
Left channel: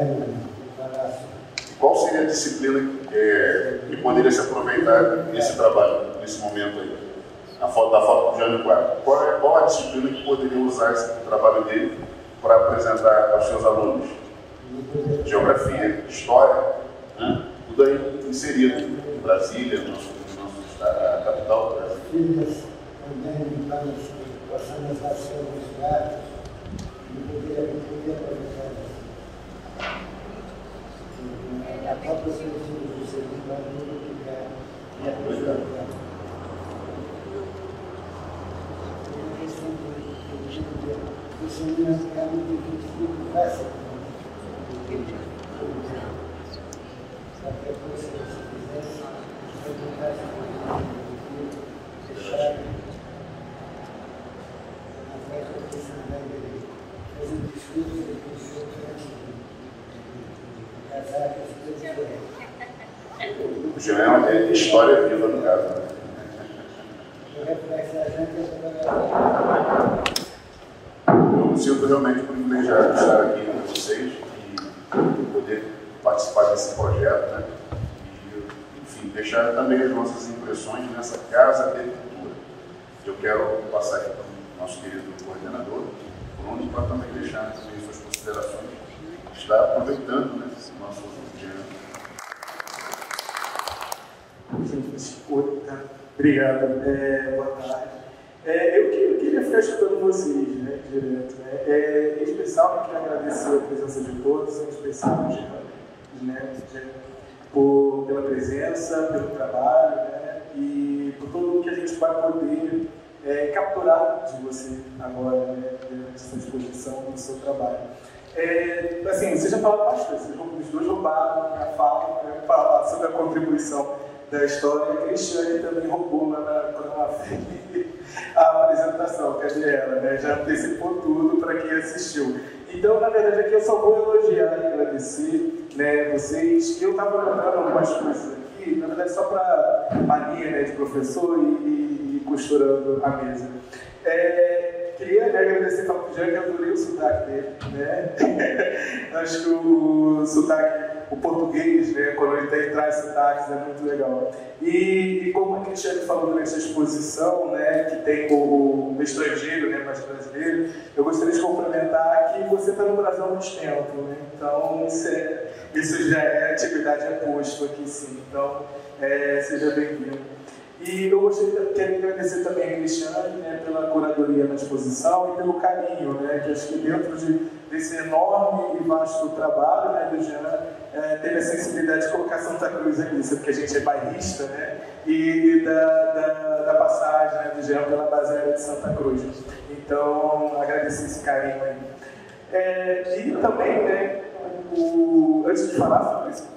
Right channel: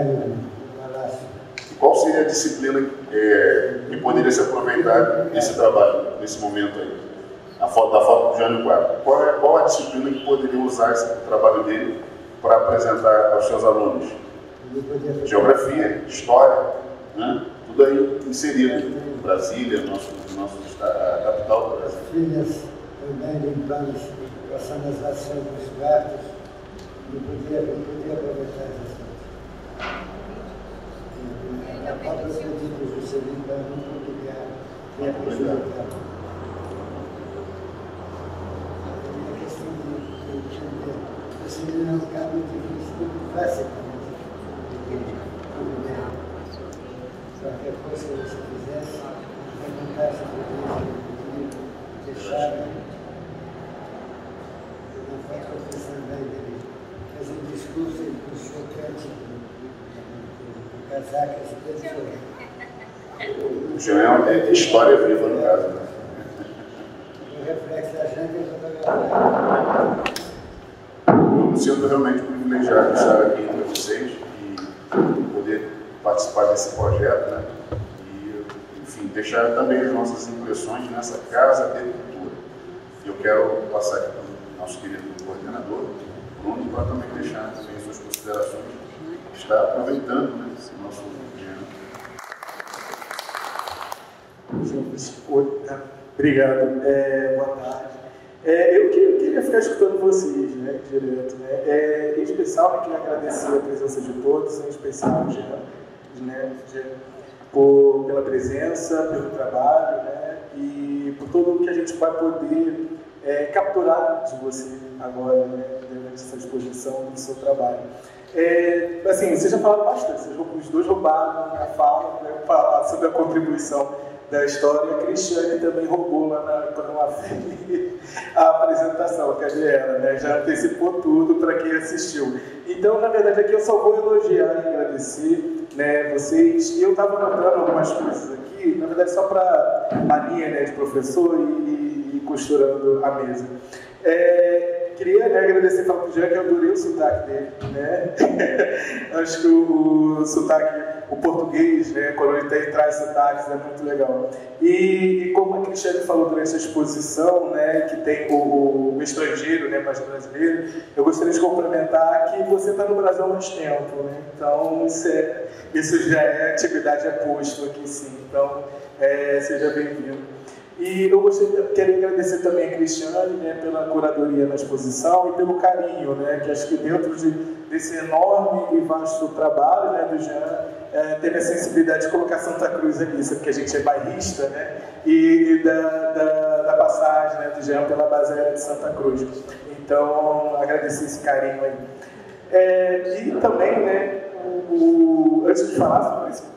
No palácio. E qual seria a disciplina que poderia se aproveitar nesse trabalho, nesse momento aí? Da foto do Jânio Quatro. Qual a disciplina que poderia usar esse trabalho dele para apresentar para os seus alunos? Geografia, história, né? Tudo aí inserido. Brasília, a capital do Brasil. Filhas também limpamos, passando as ações dos gatos. Não podia aproveitar isso. A própria cultura do ser humano não podia aproveitar. Uma questão de você não é um lugar muito difícil, muito fácil. Qualquer coisa que você fizesse, você não fácil de fechado. Não foi acontecendo bem dele. Faz um discurso e puxou o canto do casaco. Já é história viva, no caso, né? O reflexo da gente é fotografar. Eu me sinto realmente privilegiado de estar aqui com vocês e poder participar desse projeto, né? E, enfim, deixar também as nossas impressões nessa casa de cultura. Eu quero passar aqui para o nosso querido coordenador, Bruno, para também deixar também suas considerações. Está aproveitando, né, esse nosso Obrigado. Boa tarde. Eu queria ficar escutando vocês, né, direto. Em especial, eu queria agradecer a presença de todos, em especial né, pela presença, pelo trabalho, né, e por tudo que a gente vai poder capturar de você agora, né, nessa exposição do seu trabalho. Assim, vocês já falaram bastante, os dois roubaram a fala, né, falar sobre a contribuição da história. A Cristiane também roubou lá quando ela fez a apresentação, cadê ela, né? Já antecipou tudo para quem assistiu. Então, na verdade, aqui eu só vou elogiar e agradecer, né, vocês. Eu estava lembrando algumas coisas aqui, na verdade, só para a linha, né, de professor e costurando a mesa. Queria, né, agradecer ao Jean, que eu adorei o sotaque dele, né? Acho que o sotaque, o português, né, quando ele traz sotaques, é muito legal. E como a Cristiane falou durante a exposição, né, que tem o estrangeiro, né, mais brasileiro, eu gostaria de complementar que você está no Brasil há muito tempo, né? Então isso já é atividade a posto aqui, sim. Então, seja bem-vindo. E eu queria agradecer também a Cristiane, né, pela curadoria da exposição e pelo carinho, né, que acho que dentro desse enorme e vasto trabalho, né, do Jean, teve a sensibilidade de colocar Santa Cruz ali, porque a gente é bairrista, né? E da passagem, né, do Jean pela base de Santa Cruz. Então, agradecer esse carinho aí. E também, né, antes de falar sobre isso,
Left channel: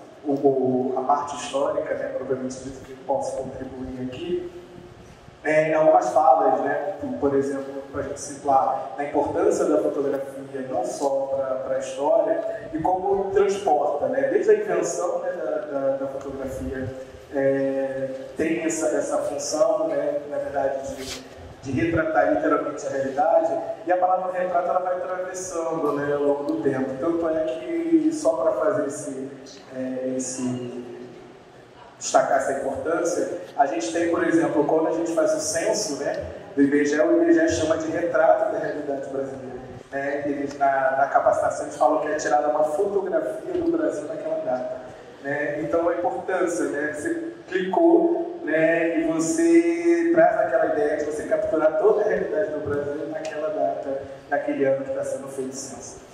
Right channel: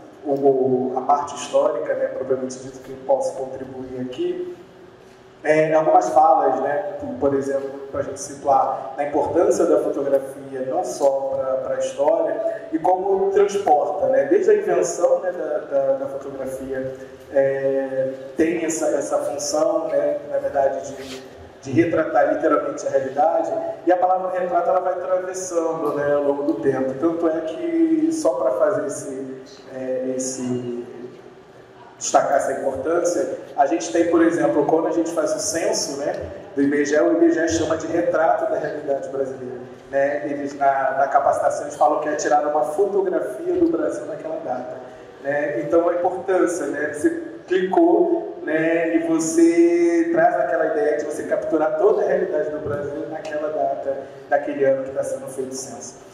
a parte histórica, né, propriamente dito, que posso contribuir aqui, algumas falas, né, por exemplo, para a gente situar a importância da fotografia não só para a história e como transporta, né, desde a invenção, né, da fotografia tem essa função, né, na verdade, de retratar literalmente a realidade, e a palavra retrato ela vai atravessando, né, ao longo do tempo. Tanto é que, só para fazer destacar essa importância, a gente tem, por exemplo, quando a gente faz o censo, né, do IBGE, o IBGE chama de retrato da realidade brasileira. Né? Eles, na capacitação, eles falam que é tirada uma fotografia do Brasil naquela data. Né? Então, a importância, né? Você clicou, né, e você traz aquela ideia de você capturar toda a realidade do Brasil naquela data, daquele ano que está sendo feito o censo.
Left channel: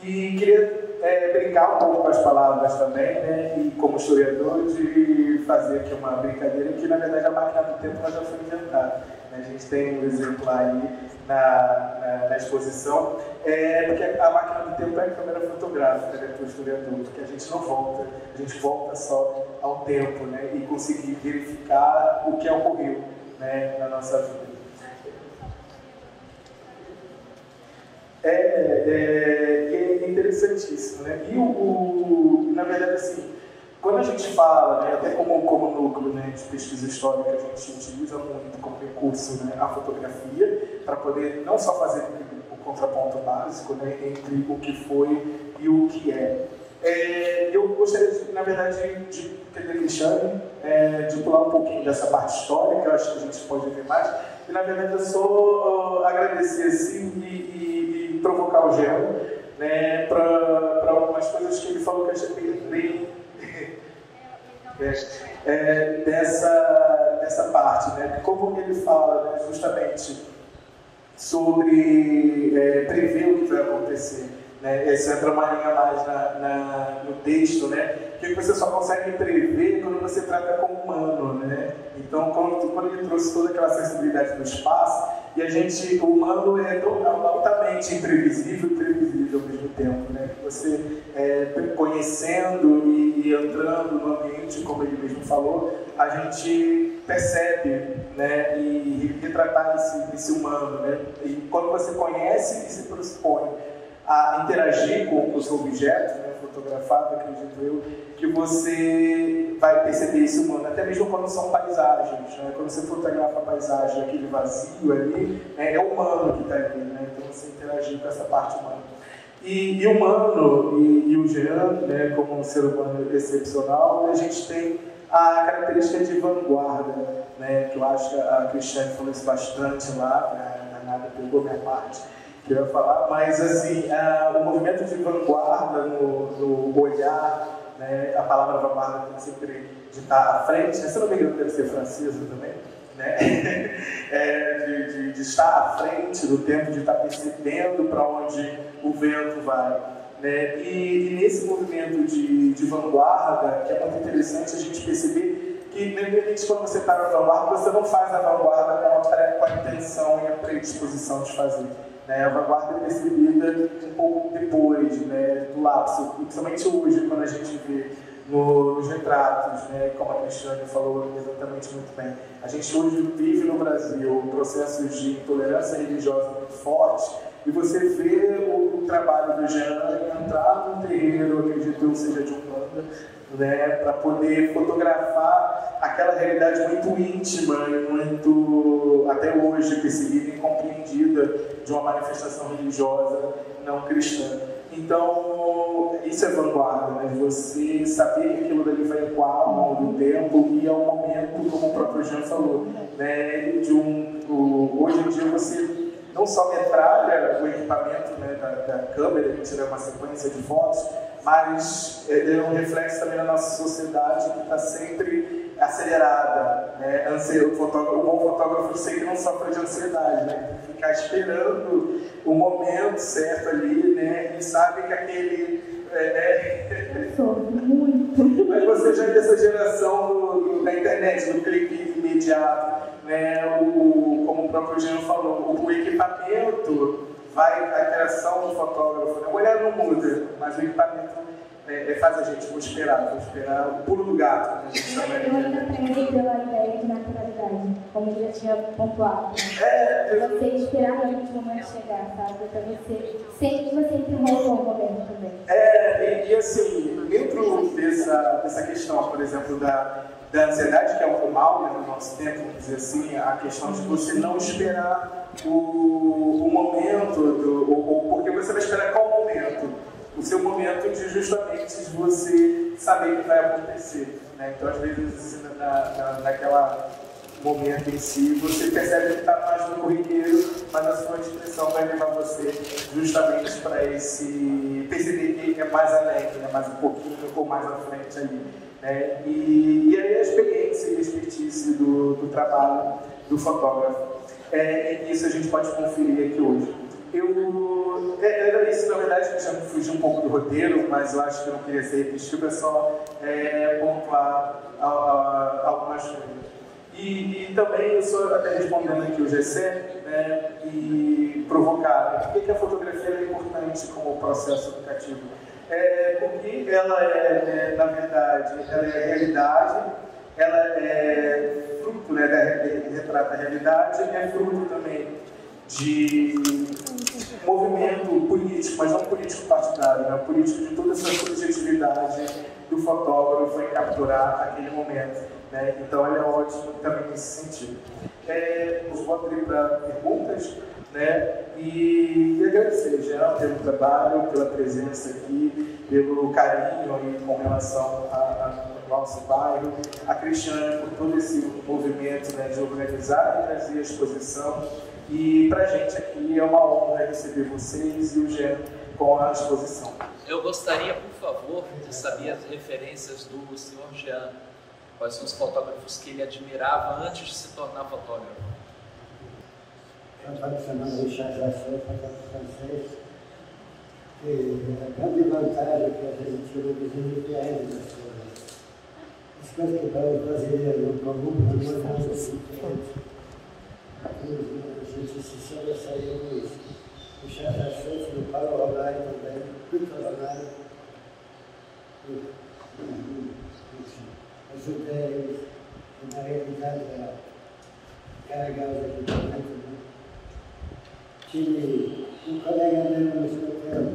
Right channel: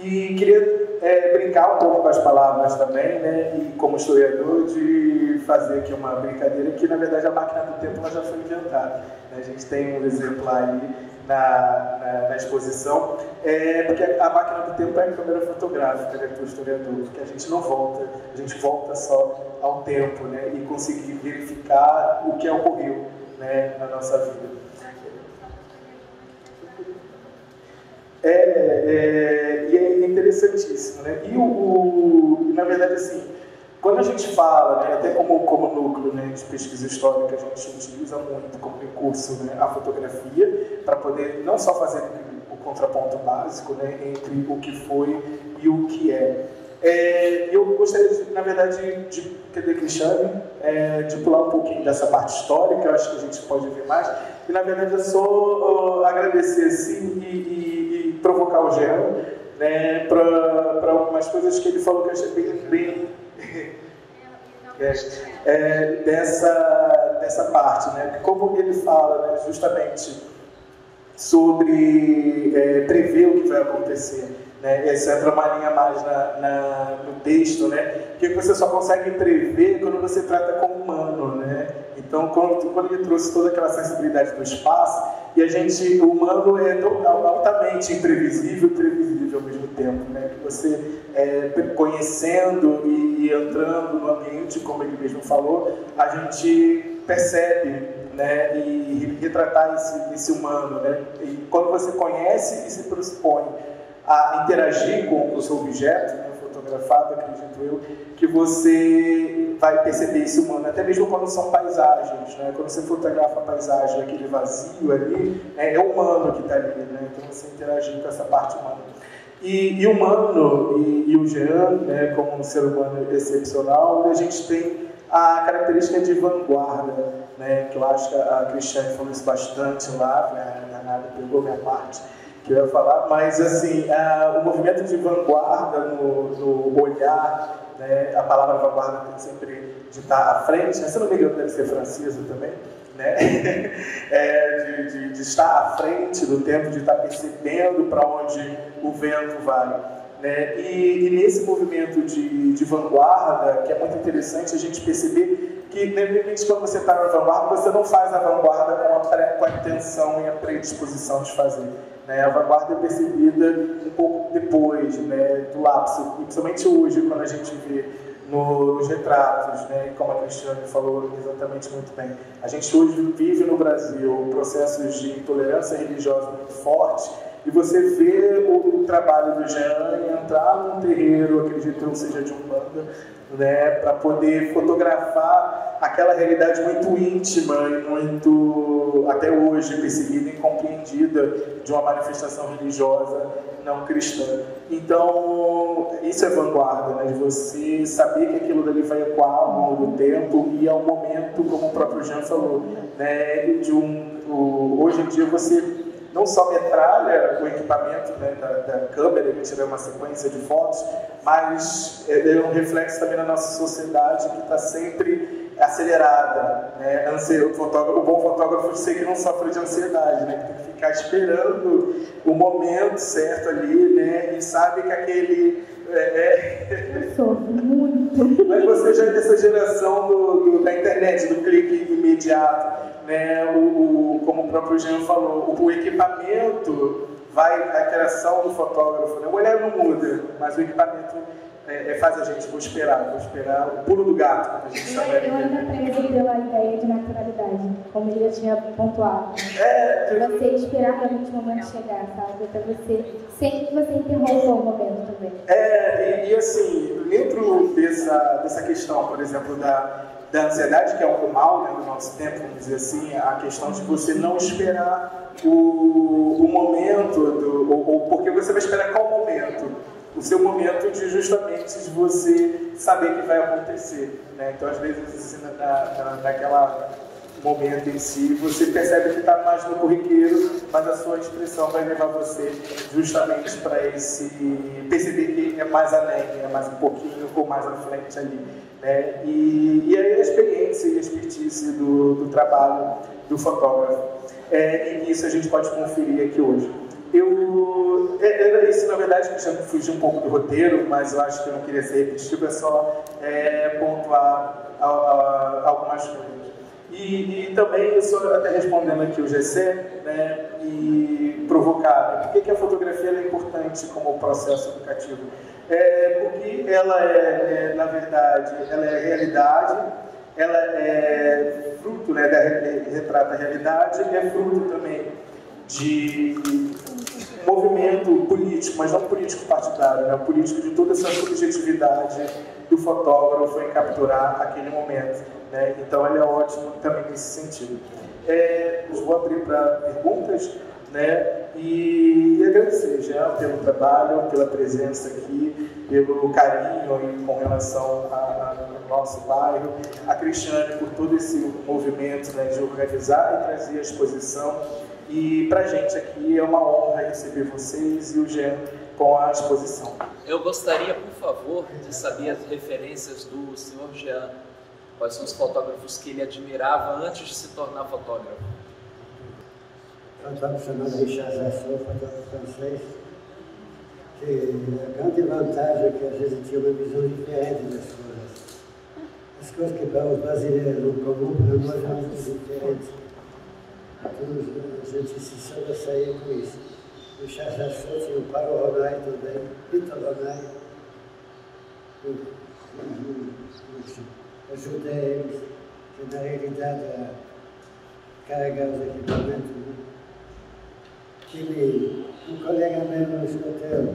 E queria brincar um pouco com as palavras também, né, e como historiador, de fazer aqui uma brincadeira que, na verdade, a máquina do tempo já foi inventada. Né? A gente tem um exemplo aí na exposição, porque a máquina do tempo é a câmera fotográfica, né, para o historiador, que a gente não volta, a gente volta só ao tempo, né, e conseguir verificar o que ocorreu, né, na nossa vida. E é interessantíssimo, né? E na verdade, assim, quando a gente fala, né, até como núcleo, né, de pesquisa histórica, a gente utiliza muito como recurso, né, a fotografia, para poder não só fazer o contraponto básico, né, entre o que foi e o que é. Eu gostaria, na verdade, de pedir Cristiane, de pular um pouquinho dessa parte histórica, eu acho que a gente pode ver mais, e na verdade eu só agradecer assim, e provocar o Jean, né, para algumas coisas que ele falou que eu achei bem dessa parte, né? Como ele fala, né, justamente sobre prever o que vai acontecer, né? Essa entra uma linha mais no texto, né? Que você só consegue prever quando você trata com o humano, né? Então, quando ele trouxe toda aquela sensibilidade do espaço, e o humano é altamente imprevisível e previsível ao mesmo tempo, né? Que você, conhecendo e entrando no ambiente, como ele mesmo falou, a gente percebe, né? E retratar esse humano, né? E quando você conhece e se pressupõe a interagir com o seu objeto, né, fotografado, acredito eu, que você vai perceber esse humano, até mesmo quando são paisagens, né? Quando você fotografa a paisagem, aquele vazio ali, é o humano que está ali, né? Então você interagir com essa parte humana. E o humano e o Jean, né, como um ser humano excepcional, a gente tem a característica de vanguarda, né, que eu acho que a Cristiane falou isso bastante lá, né, na pegou minha parte, que eu ia falar, mas assim, o movimento de vanguarda no olhar, né, a palavra vanguarda tem sempre de estar à frente, né, se não me engano deve ser francesa também, né, de estar à frente do tempo, de estar percebendo para onde o vento vai. Né? E nesse movimento de vanguarda, que é muito interessante a gente perceber que, independente de quando você está na vanguarda, você não faz a vanguarda com a intenção e a predisposição de fazer. Né? A vanguarda é percebida um pouco depois, né, do lapso, principalmente hoje, quando a gente vê nos retratos, né, como a Cristiane falou exatamente muito bem. A gente hoje vive no Brasil processos de intolerância religiosa muito fortes, e você vê o trabalho do Jean em entrar num terreiro, acredito seja de Umbanda, né, para poder fotografar aquela realidade muito íntima e muito, até hoje, percebida e compreendida de uma manifestação religiosa não cristã. Então, isso é vanguarda, né, de você saber que aquilo dali vai ecoar ao longo do tempo e ao momento, como o próprio Jean falou, né, hoje em dia você não só metralha o equipamento, né, da câmera, que tiver uma sequência de fotos, mas é um reflexo também da nossa sociedade que está sempre acelerada, né? O bom fotógrafo sempre não sofre de ansiedade, né? Tem que ficar esperando o momento certo ali, né? E sabe que aquele... Mas você já é dessa geração da internet, do clique imediato, né? Como o próprio Jean falou, o equipamento vai à criação do fotógrafo. O olhar não muda, mas o equipamento faz a gente, vou esperar o pulo do gato. Eu ainda prezei pela ideia de naturalidade, como eu já tinha pontuado. Você esperar para o momento chegar, sabe? Para você, sem que você interrompa o momento também. E assim, dentro dessa questão, por exemplo, da ansiedade, que é algo mal, né, no nosso tempo, vamos dizer assim, a questão de você não esperar o momento, ou porque você vai esperar qual momento? O seu momento de justamente você saber o que vai acontecer, né? Então, às vezes, naquela momento em si, você percebe que está mais no corriqueiro, mas a sua inscrição vai levar você justamente para esse perceber que é mais além, né? Mais um pouquinho ou mais à frente ali, né? E aí a experiência e a expertise do trabalho do fotógrafo. E isso a gente pode conferir aqui hoje. Isso, na verdade, eu já fugi um pouco do roteiro, mas eu acho que eu não queria ser repetitivo, é só pontuar algumas coisas. E também, eu só até respondendo aqui o GC, né, e provocar, por que a fotografia é importante como processo educativo? Porque ela na verdade, ela é realidade, ela é fruto, né, retrata a realidade, e é fruto também de movimento político, mas não político partidário, né? Político de toda essa subjetividade do fotógrafo em capturar aquele momento, né? Então ele é ótimo também nesse sentido. Eu vou abrir para perguntas, né? E agradecer já pelo trabalho, pela presença aqui, pelo carinho com relação ao nosso bairro, a Cristiane por todo esse movimento, né, de organizar e trazer a exposição. E para a gente aqui é uma honra receber vocês e o Jean com a exposição. Eu gostaria, por favor, de saber as referências do senhor Jean, quais são os fotógrafos que ele admirava antes de se tornar fotógrafo. Um fotógrafo chamado Richard Jassot, fotógrafo francês, que a grande vantagem é que a gente tinha uma visão diferente das coisas. As coisas que para os brasileiros não comum, para nós eram muito diferentes. A gente se sobressaía com isso. O Richard Jassot tinha o Paulo Ronay também, Vitor Ronay. Ajudei eles, que na realidade a carregar os equipamentos. Tive um colega meu no escoteiro,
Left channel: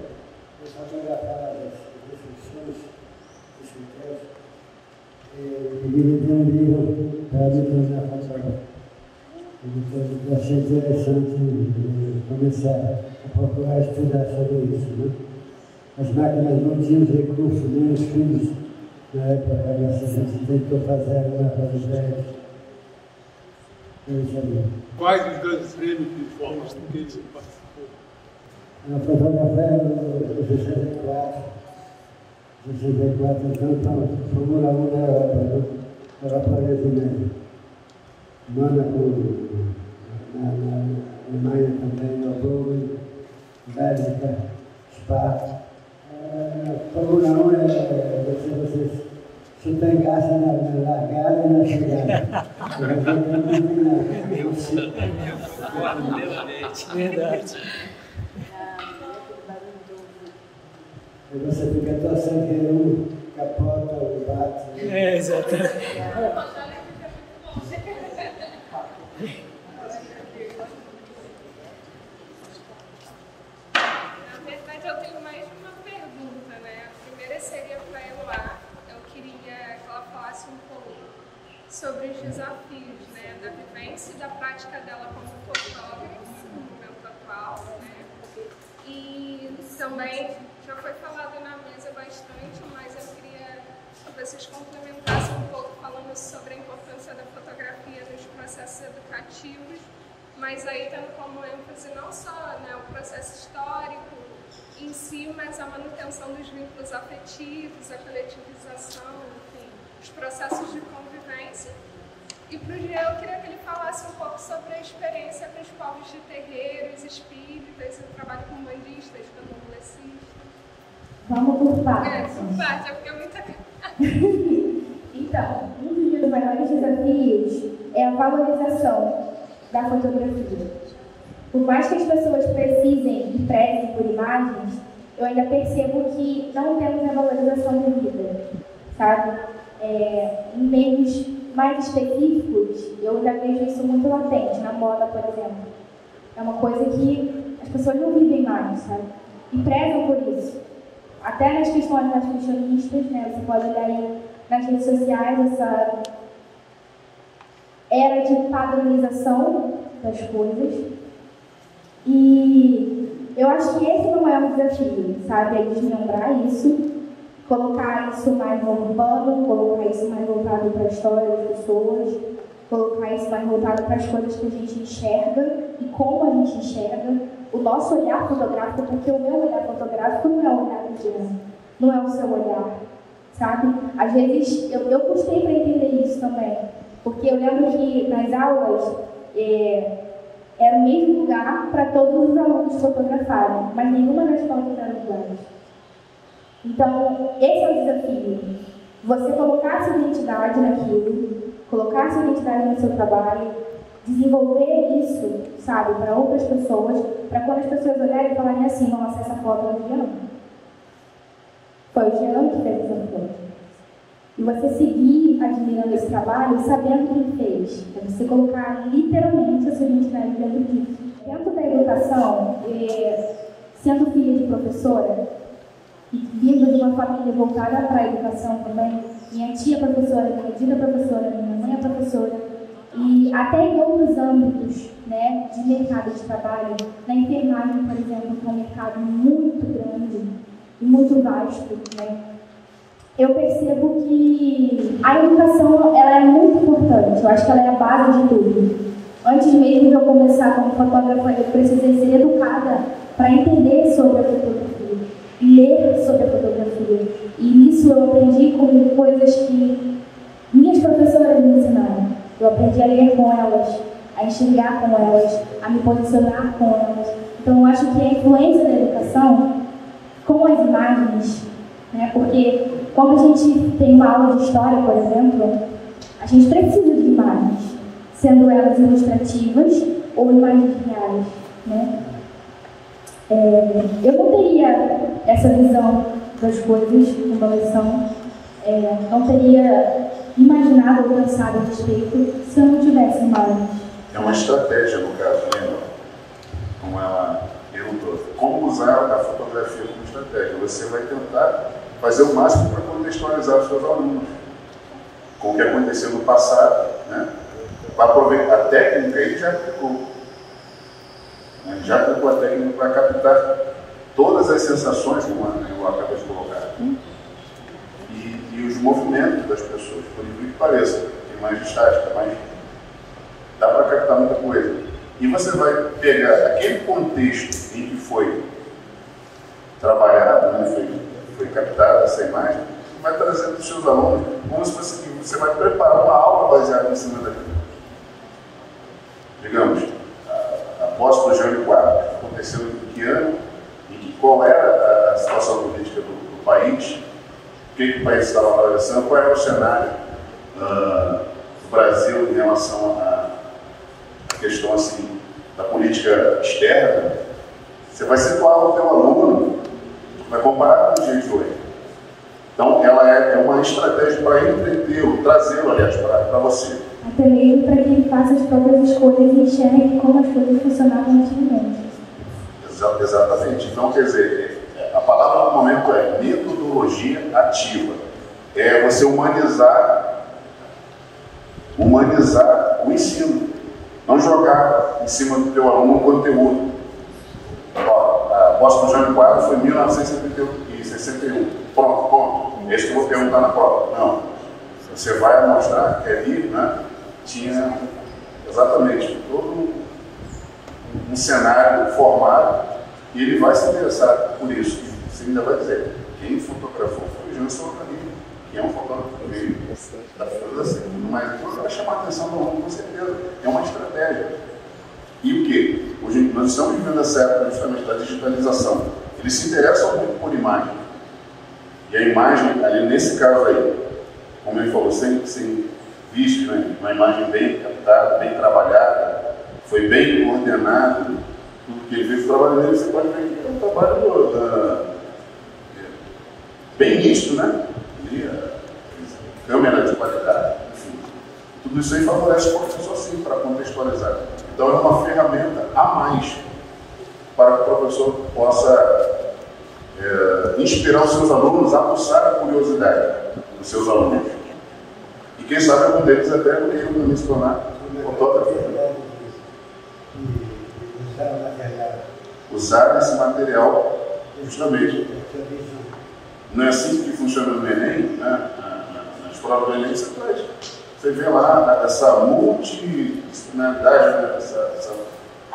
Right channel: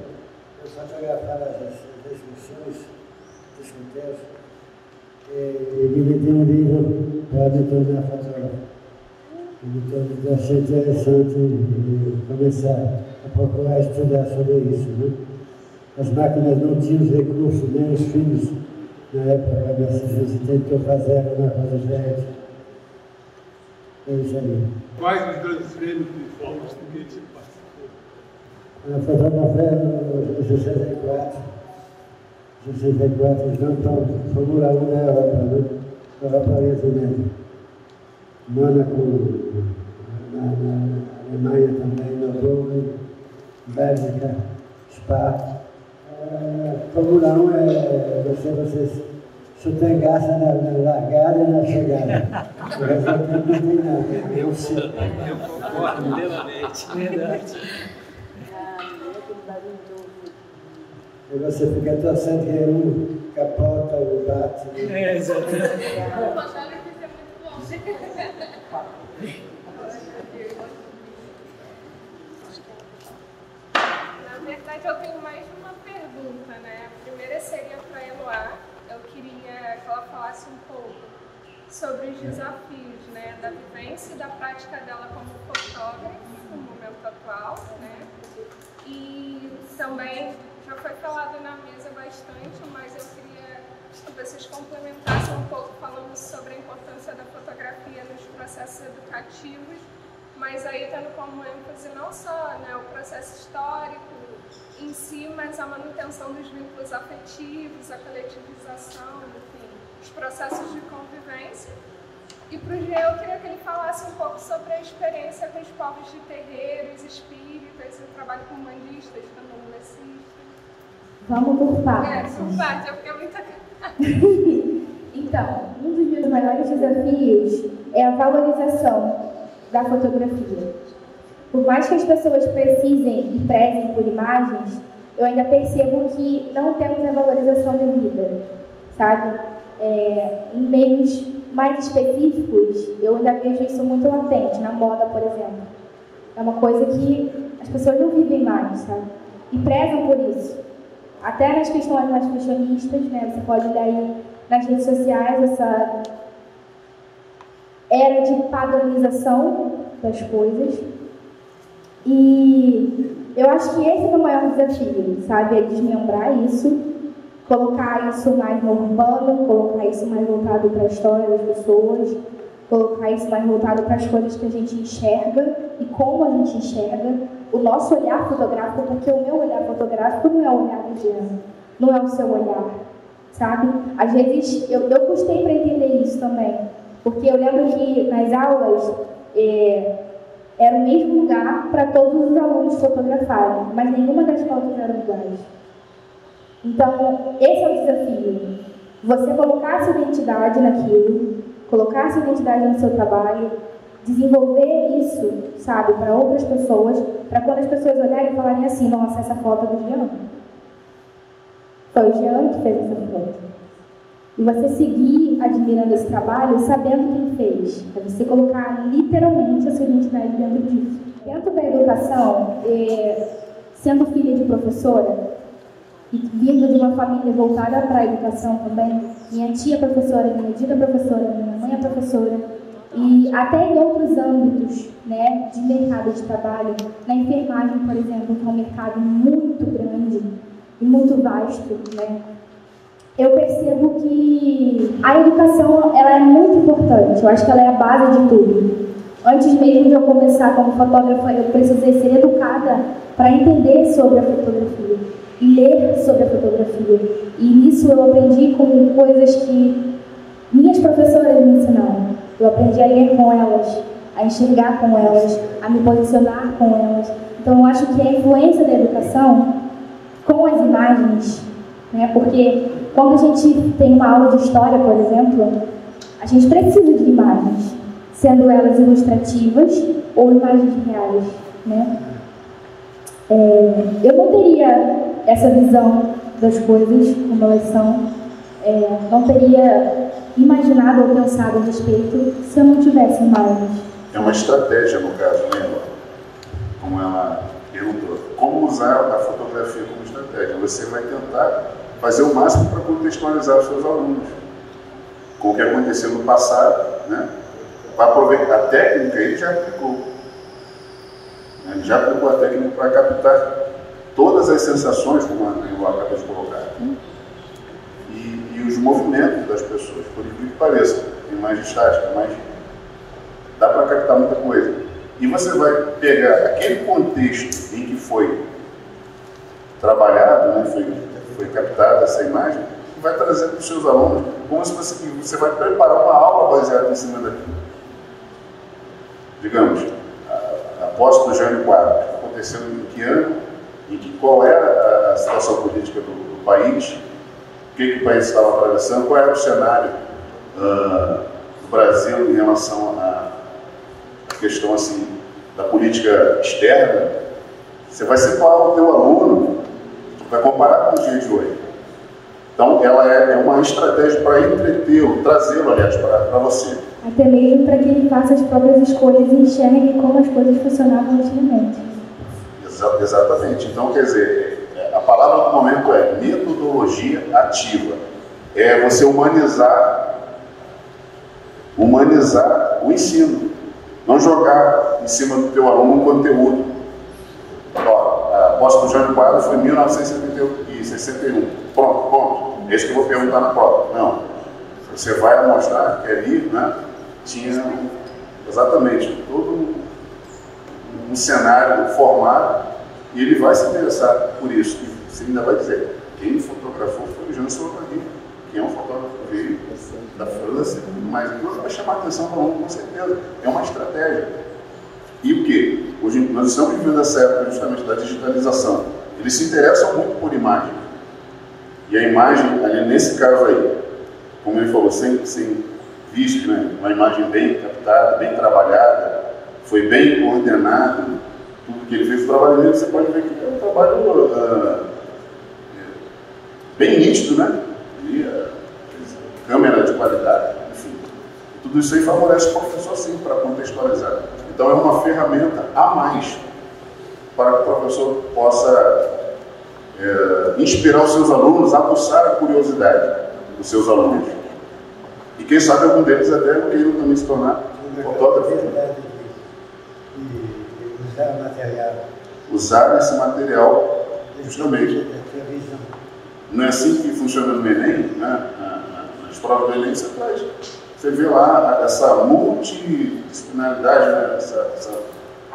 eu fotografava as excursões dos escoteiros, e ele me deu um livro para me tornar fotógrafo. Então, eu achei interessante começar a procurar estudar sobre isso, né? As máquinas não tinham os recursos, nem os filmes na época, mas a gente tentou fazer na Rosete. Quais os grandes prêmios de formas com que você participou? Eu fotografei no G64. G64 então Fórmula 1 da Europa, né? Europa brasileira. Mônaco, na Alemanha também, Nova, Bélgica, Spa. Fórmula 1 vocês só tem graça na largada e na chegada. O resultado não tem nada. Não sei. Verdade. E você fica torcendo que um capota ou bate. Exatamente. Na verdade, eu tenho mais de uma pergunta, né? A primeira seria para a Eloá. Eu queria que ela falasse um pouco sobre os desafios, né? Da vivência e da prática dela como fotógrafa no momento atual, né? E também já foi falado na mesa bastante, mas eu queria que vocês complementassem um pouco falando sobre a importância da fotografia nos processos educativos, mas aí tendo como ênfase não só, né, o processo histórico em si, mas a manutenção dos vínculos afetivos, a coletivização, enfim, os processos de convivência vivência. E para o Jean, eu queria que ele falasse um pouco sobre a experiência com os povos de terreiros, espíritas, o trabalho com bandistas, candomblecistas. Vamos por partes. Por partes, porque é muita coisa. Então, um dos meus maiores desafios é a valorização da fotografia. Por mais que as pessoas precisem e prezem por imagens, eu ainda percebo que não temos a valorização devida, sabe? Em meios mais específicos, eu ainda vejo isso muito latente, na moda, por exemplo. É uma coisa que as pessoas não vivem mais, sabe? E prezam por isso. Até nas questões mais fashionistas, né? Você pode olhar aí nas redes sociais essa era de padronização das coisas. E eu acho que esse é o maior desafio, sabe? É desmembrar isso, colocar isso mais no urbano, colocar isso mais voltado para a história das pessoas, colocar isso mais voltado para as coisas que a gente enxerga e como a gente enxerga o nosso olhar fotográfico, porque o meu olhar fotográfico não é o olhar do Jean, não é o seu olhar, sabe? Às vezes, eu custei para entender isso também, porque eu lembro que nas aulas era o mesmo lugar para todos os alunos fotografarem, mas nenhuma das fotos era iguais. Então, esse é o desafio. Você colocar sua identidade naquilo, colocar sua identidade no seu trabalho, desenvolver isso, sabe, para outras pessoas, para quando as pessoas olharem e falarem assim, nossa, essa foto é do Jean. Foi o Jean que fez essa foto. E você seguir admirando esse trabalho, sabendo quem fez. Para você colocar literalmente a sua identidade dentro disso. Dentro da educação, sendo filha de professora, e vindo de uma família voltada para a educação também, minha tia é professora, minha tita é professora, minha mãe é professora, e até em outros âmbitos, né, de mercado de trabalho, na enfermagem, por exemplo, que é um mercado muito grande e muito vasto, né, eu percebo que a educação ela é muito importante, eu acho que ela é a base de tudo. Antes mesmo de eu começar como fotógrafa, eu precisei ser educada para entender sobre a fotografia e ler sobre a fotografia. E nisso eu aprendi com coisas que minhas professoras me ensinaram. Eu aprendi a ler com elas, a enxergar com elas, a me posicionar com elas. Então eu acho que a influência da educação com as imagens, né, porque quando a gente tem uma aula de história, por exemplo, a gente precisa de imagens, sendo elas ilustrativas ou imagens reais, né? Eu não teria essa visão das coisas como elas são, não teria imaginado ou pensado a respeito se eu não tivesse imagens. É uma estratégia, no caso, né? Como ela perguntou, como usar a fotografia como estratégia? Você vai tentar fazer o máximo para contextualizar os seus alunos com o que aconteceu no passado, né? Para aproveitar a técnica, ele já aplicou. Ele já aplicou a técnica para captar todas as sensações, como eu acabo de colocar, e os movimentos das pessoas, por incrível que pareça, tem mais estática, mas dá para captar muita coisa. E você vai pegar aquele contexto em que foi trabalhado, né, foi captada essa imagem, e vai trazer para os seus alunos como se você vai preparar uma aula baseada em cima daquilo. Digamos, após o Jânio Quadros, aconteceu em que ano, e qual era a situação política do país, o que o país estava atravessando, qual era o cenário do Brasil em relação à questão assim, da política externa. Você vai separar o teu aluno, vai comparar com os dias de hoje. Então, ela é uma estratégia para entretê-lo, trazê-lo, aliás, para você. Até mesmo para que ele faça as próprias escolhas e enxergue como as coisas funcionavam antigamente. Exatamente. Então, quer dizer, a palavra do momento é metodologia ativa. É você humanizar o ensino. Não jogar em cima do teu aluno um conteúdo. A Apóstolo Jânio Quadros foi em 1961. Pronto. É isso que eu vou perguntar na prova. Não. Você vai mostrar que ali, né, tinha exatamente todo um cenário formado e ele vai se interessar por isso. E você ainda vai dizer, quem fotografou foi o Jean Salvador, que é um fotógrafo que veio da França, mas vai chamar a atenção para o mundo, com certeza. É uma estratégia. E o quê? Hoje nós estamos vivendo essa época justamente da digitalização. Eles se interessam muito por imagem. E a imagem, ali nesse caso aí, como ele falou, sem vício, né? Uma imagem bem captada, bem trabalhada, foi bem coordenado. Tudo que ele fez, o trabalho dele, você pode ver que é um trabalho bem nítido, né? Câmera de qualidade, enfim. Tudo isso aí favorece o professor assim, para contextualizar. Então é uma ferramenta a mais para que o professor possa inspirar os seus alunos, aguçar a curiosidade dos seus alunos. E quem sabe algum deles até queriam também se tornar fotógrafo. Usar o material. Usar esse material justamente. Não é assim que funciona no Enem, né? Nas provas do Enem você vê lá essa multidisciplinaridade, né? essa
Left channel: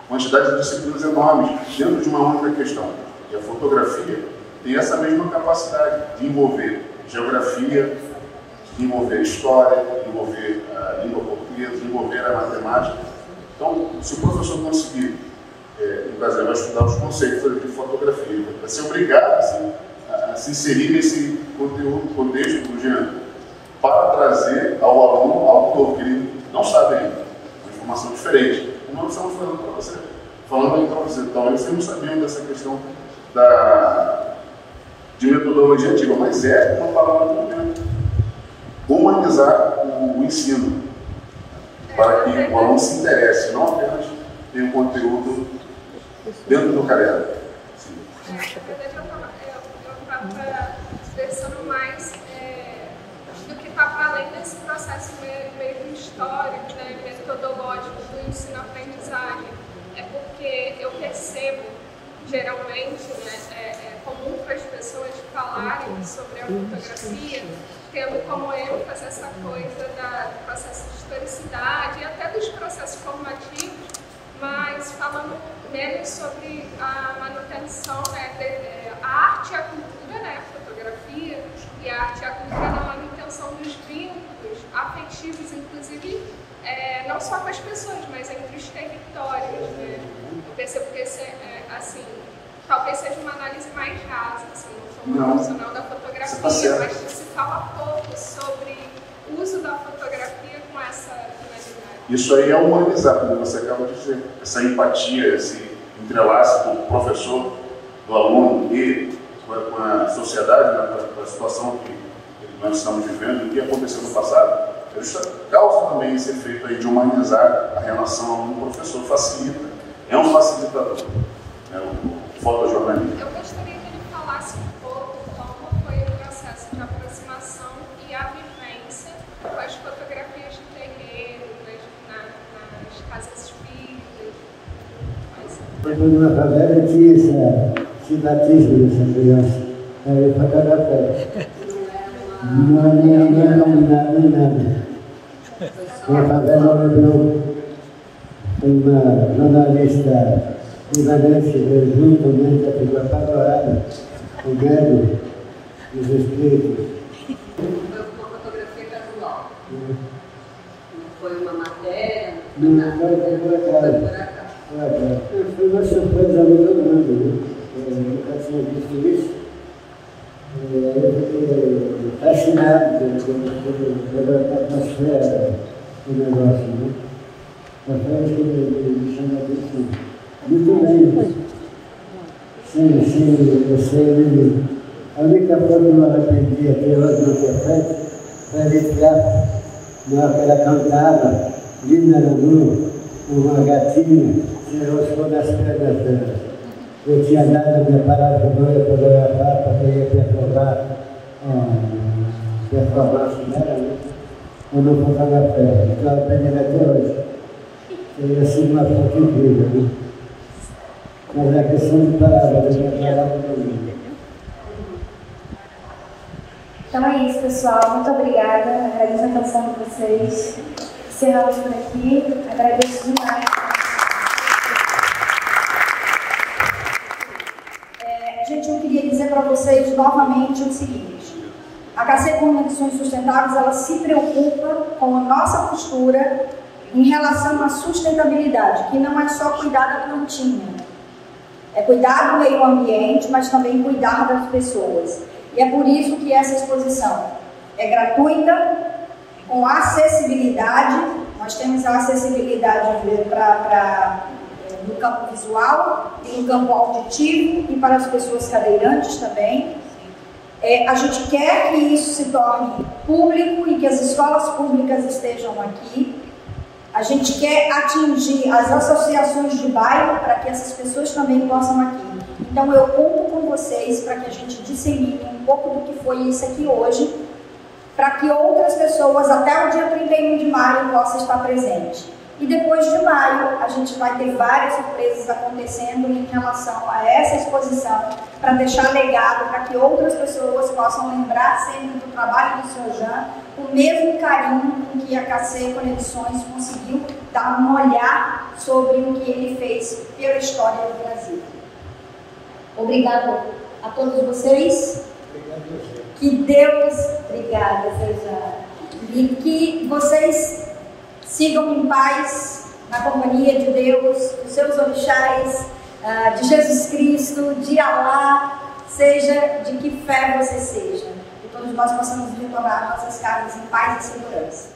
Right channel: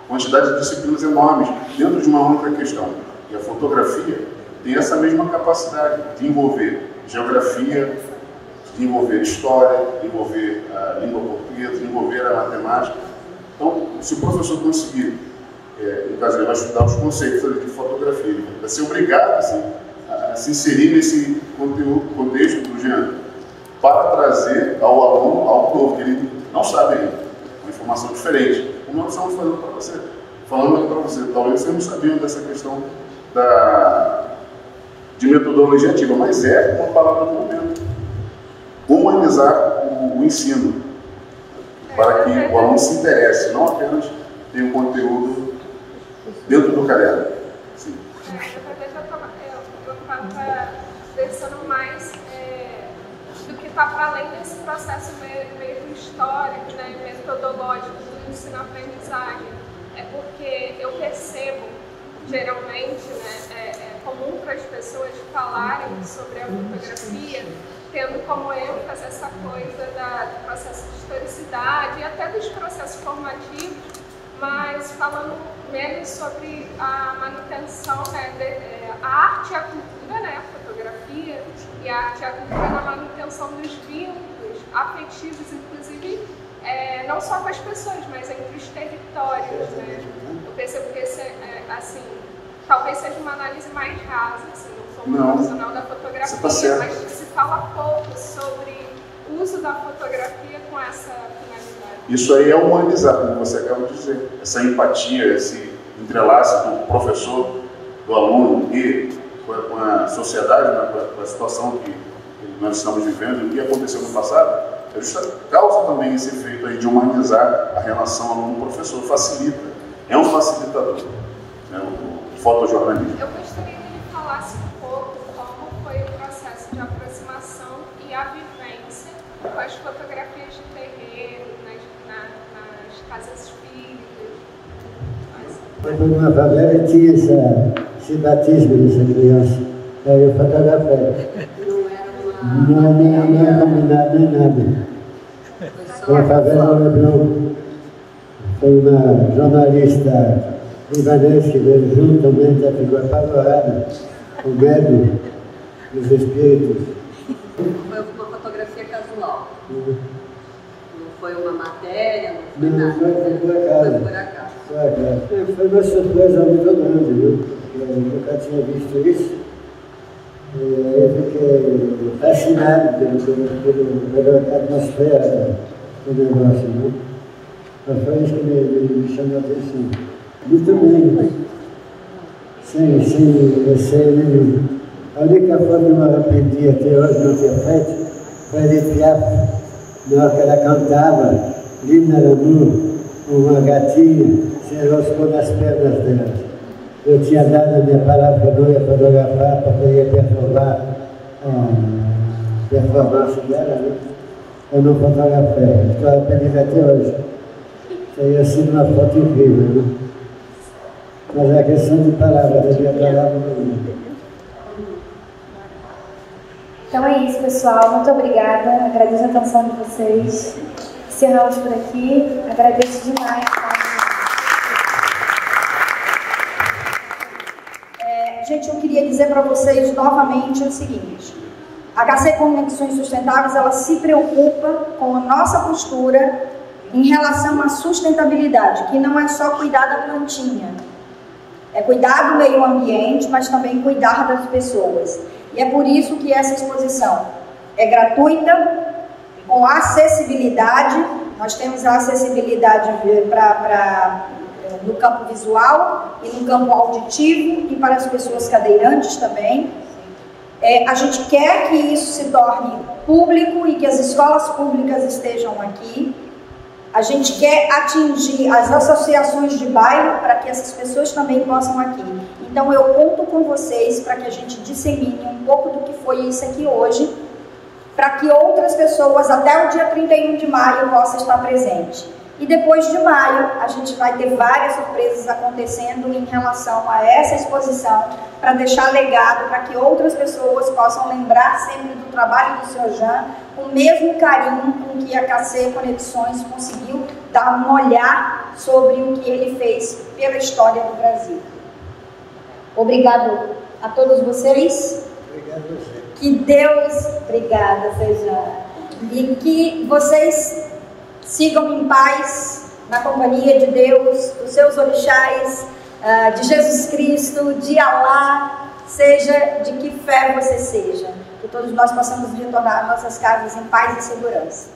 quantidade de disciplinas enormes dentro de uma única questão. E a fotografia tem essa mesma capacidade de envolver geografia, de envolver história, de envolver a língua portuguesa, de envolver a matemática. Então, se o professor conseguir, no caso, ele vai estudar os conceitos de fotografia, ele vai ser obrigado assim, a se inserir nesse contexto do Jean, para trazer ao aluno algo novo que ele não sabe ainda, uma informação diferente. Como nós estamos falando para você, talvez você não sabia dessa questão de metodologia antiga, mas é uma palavra do momento. Humanizar o ensino, para que o aluno se interesse, não apenas ter um conteúdo dentro do caderno. Sim. Na verdade, eu estava pensando mais do que está para além desse processo mesmo histórico, né, metodológico do ensino-aprendizagem. É porque eu percebo, geralmente, né, é comum para as pessoas falarem sobre a fotografia, tendo como ênfase essa coisa do processo de historicidade e até dos processos formativos, mas falando menos sobre a manutenção, né, a arte e a cultura, né, a fotografia e a arte e a cultura na manutenção dos vínculos afetivos, inclusive não só com as pessoas, mas entre os territórios, né. Eu percebo que esse, assim, talvez seja uma análise mais rasa, assim, não sou uma profissional da fotografia, mas se fala pouco sobre o uso da fotografia com essa finalidade. Isso aí é humanizar, como você acabou de dizer. Essa empatia, esse entrelaço do professor, do aluno e com a sociedade, né, com a situação que nós estamos vivendo e que aconteceu no passado, isso causa também esse efeito aí de humanizar a relação aluno-professor, facilita, é um facilitador, né, o fotojornalismo. Eu gostaria que ele falasse um pouco como foi o processo de aproximação e a vivência com as fotografias de terreiro, nas casas espíritas. Numa favela tinha esse batismo dessa criança. Aí eu fotografei. Não era nada. Uma favela lembrou uma jornalista libanense veio juntamente, ela ficou apavorada, com medo dos espíritos. Foi uma fotografia casual. Não foi uma matéria, não foi nada. Foi por acaso. Foi uma surpresa muito grande, viu? Eu nunca tinha visto isso. Eu fiquei fascinado pela atmosfera do negócio, né? Foi isso que me chamou a atenção. Muito bem. Sem a única foto que eu aprendi até hoje não tinha feito foi a Edith Piaf, na hora que ela cantava, Lina Lanu, uma gatinha, se enroscou nas pernas dela. Eu tinha dado a minha palavra que eu ia fotografar, porque eu ia performar a performance dela, né? Eu não fotografei, estou aprendendo até hoje. Teria sido uma foto incrível, né? Mas é questão de palavras, da minha palavra não. Então é isso, pessoal. Muito obrigada. Agradeço a atenção de vocês. Encerramos por aqui. Agradeço demais. Gente, eu queria dizer para vocês novamente o seguinte. A KC Conexões Sustentáveis, ela se preocupa com a nossa postura em relação à sustentabilidade, que não é só cuidar da plantinha, é cuidar do meio ambiente, mas também cuidar das pessoas. E é por isso que essa exposição é gratuita, com acessibilidade. Nós temos a acessibilidade no campo visual e no campo auditivo e para as pessoas cadeirantes também. A gente quer que isso se torne público e que as escolas públicas estejam aqui. A gente quer atingir as associações de bairro para que essas pessoas também possam aqui. Então eu conto com vocês para que a gente dissemine um pouco do que foi isso aqui hoje, para que outras pessoas até o dia 31 de maio possam estar presentes. E depois de maio, a gente vai ter várias surpresas acontecendo em relação a essa exposição, para deixar legado, para que outras pessoas possam lembrar sempre do trabalho do Sr. Jean, com o mesmo carinho com que a KC Conexões conseguiu dar um olhar sobre o que ele fez pela história do Brasil. Obrigado a todos vocês. Obrigado a você. Que Deus, obrigada, Sr. Jean. E que vocês sigam em paz, na companhia de Deus, dos seus orixás, de Jesus Cristo, de Alá, seja de que fé você seja. Que todos nós possamos retornar às nossas casas em paz e segurança.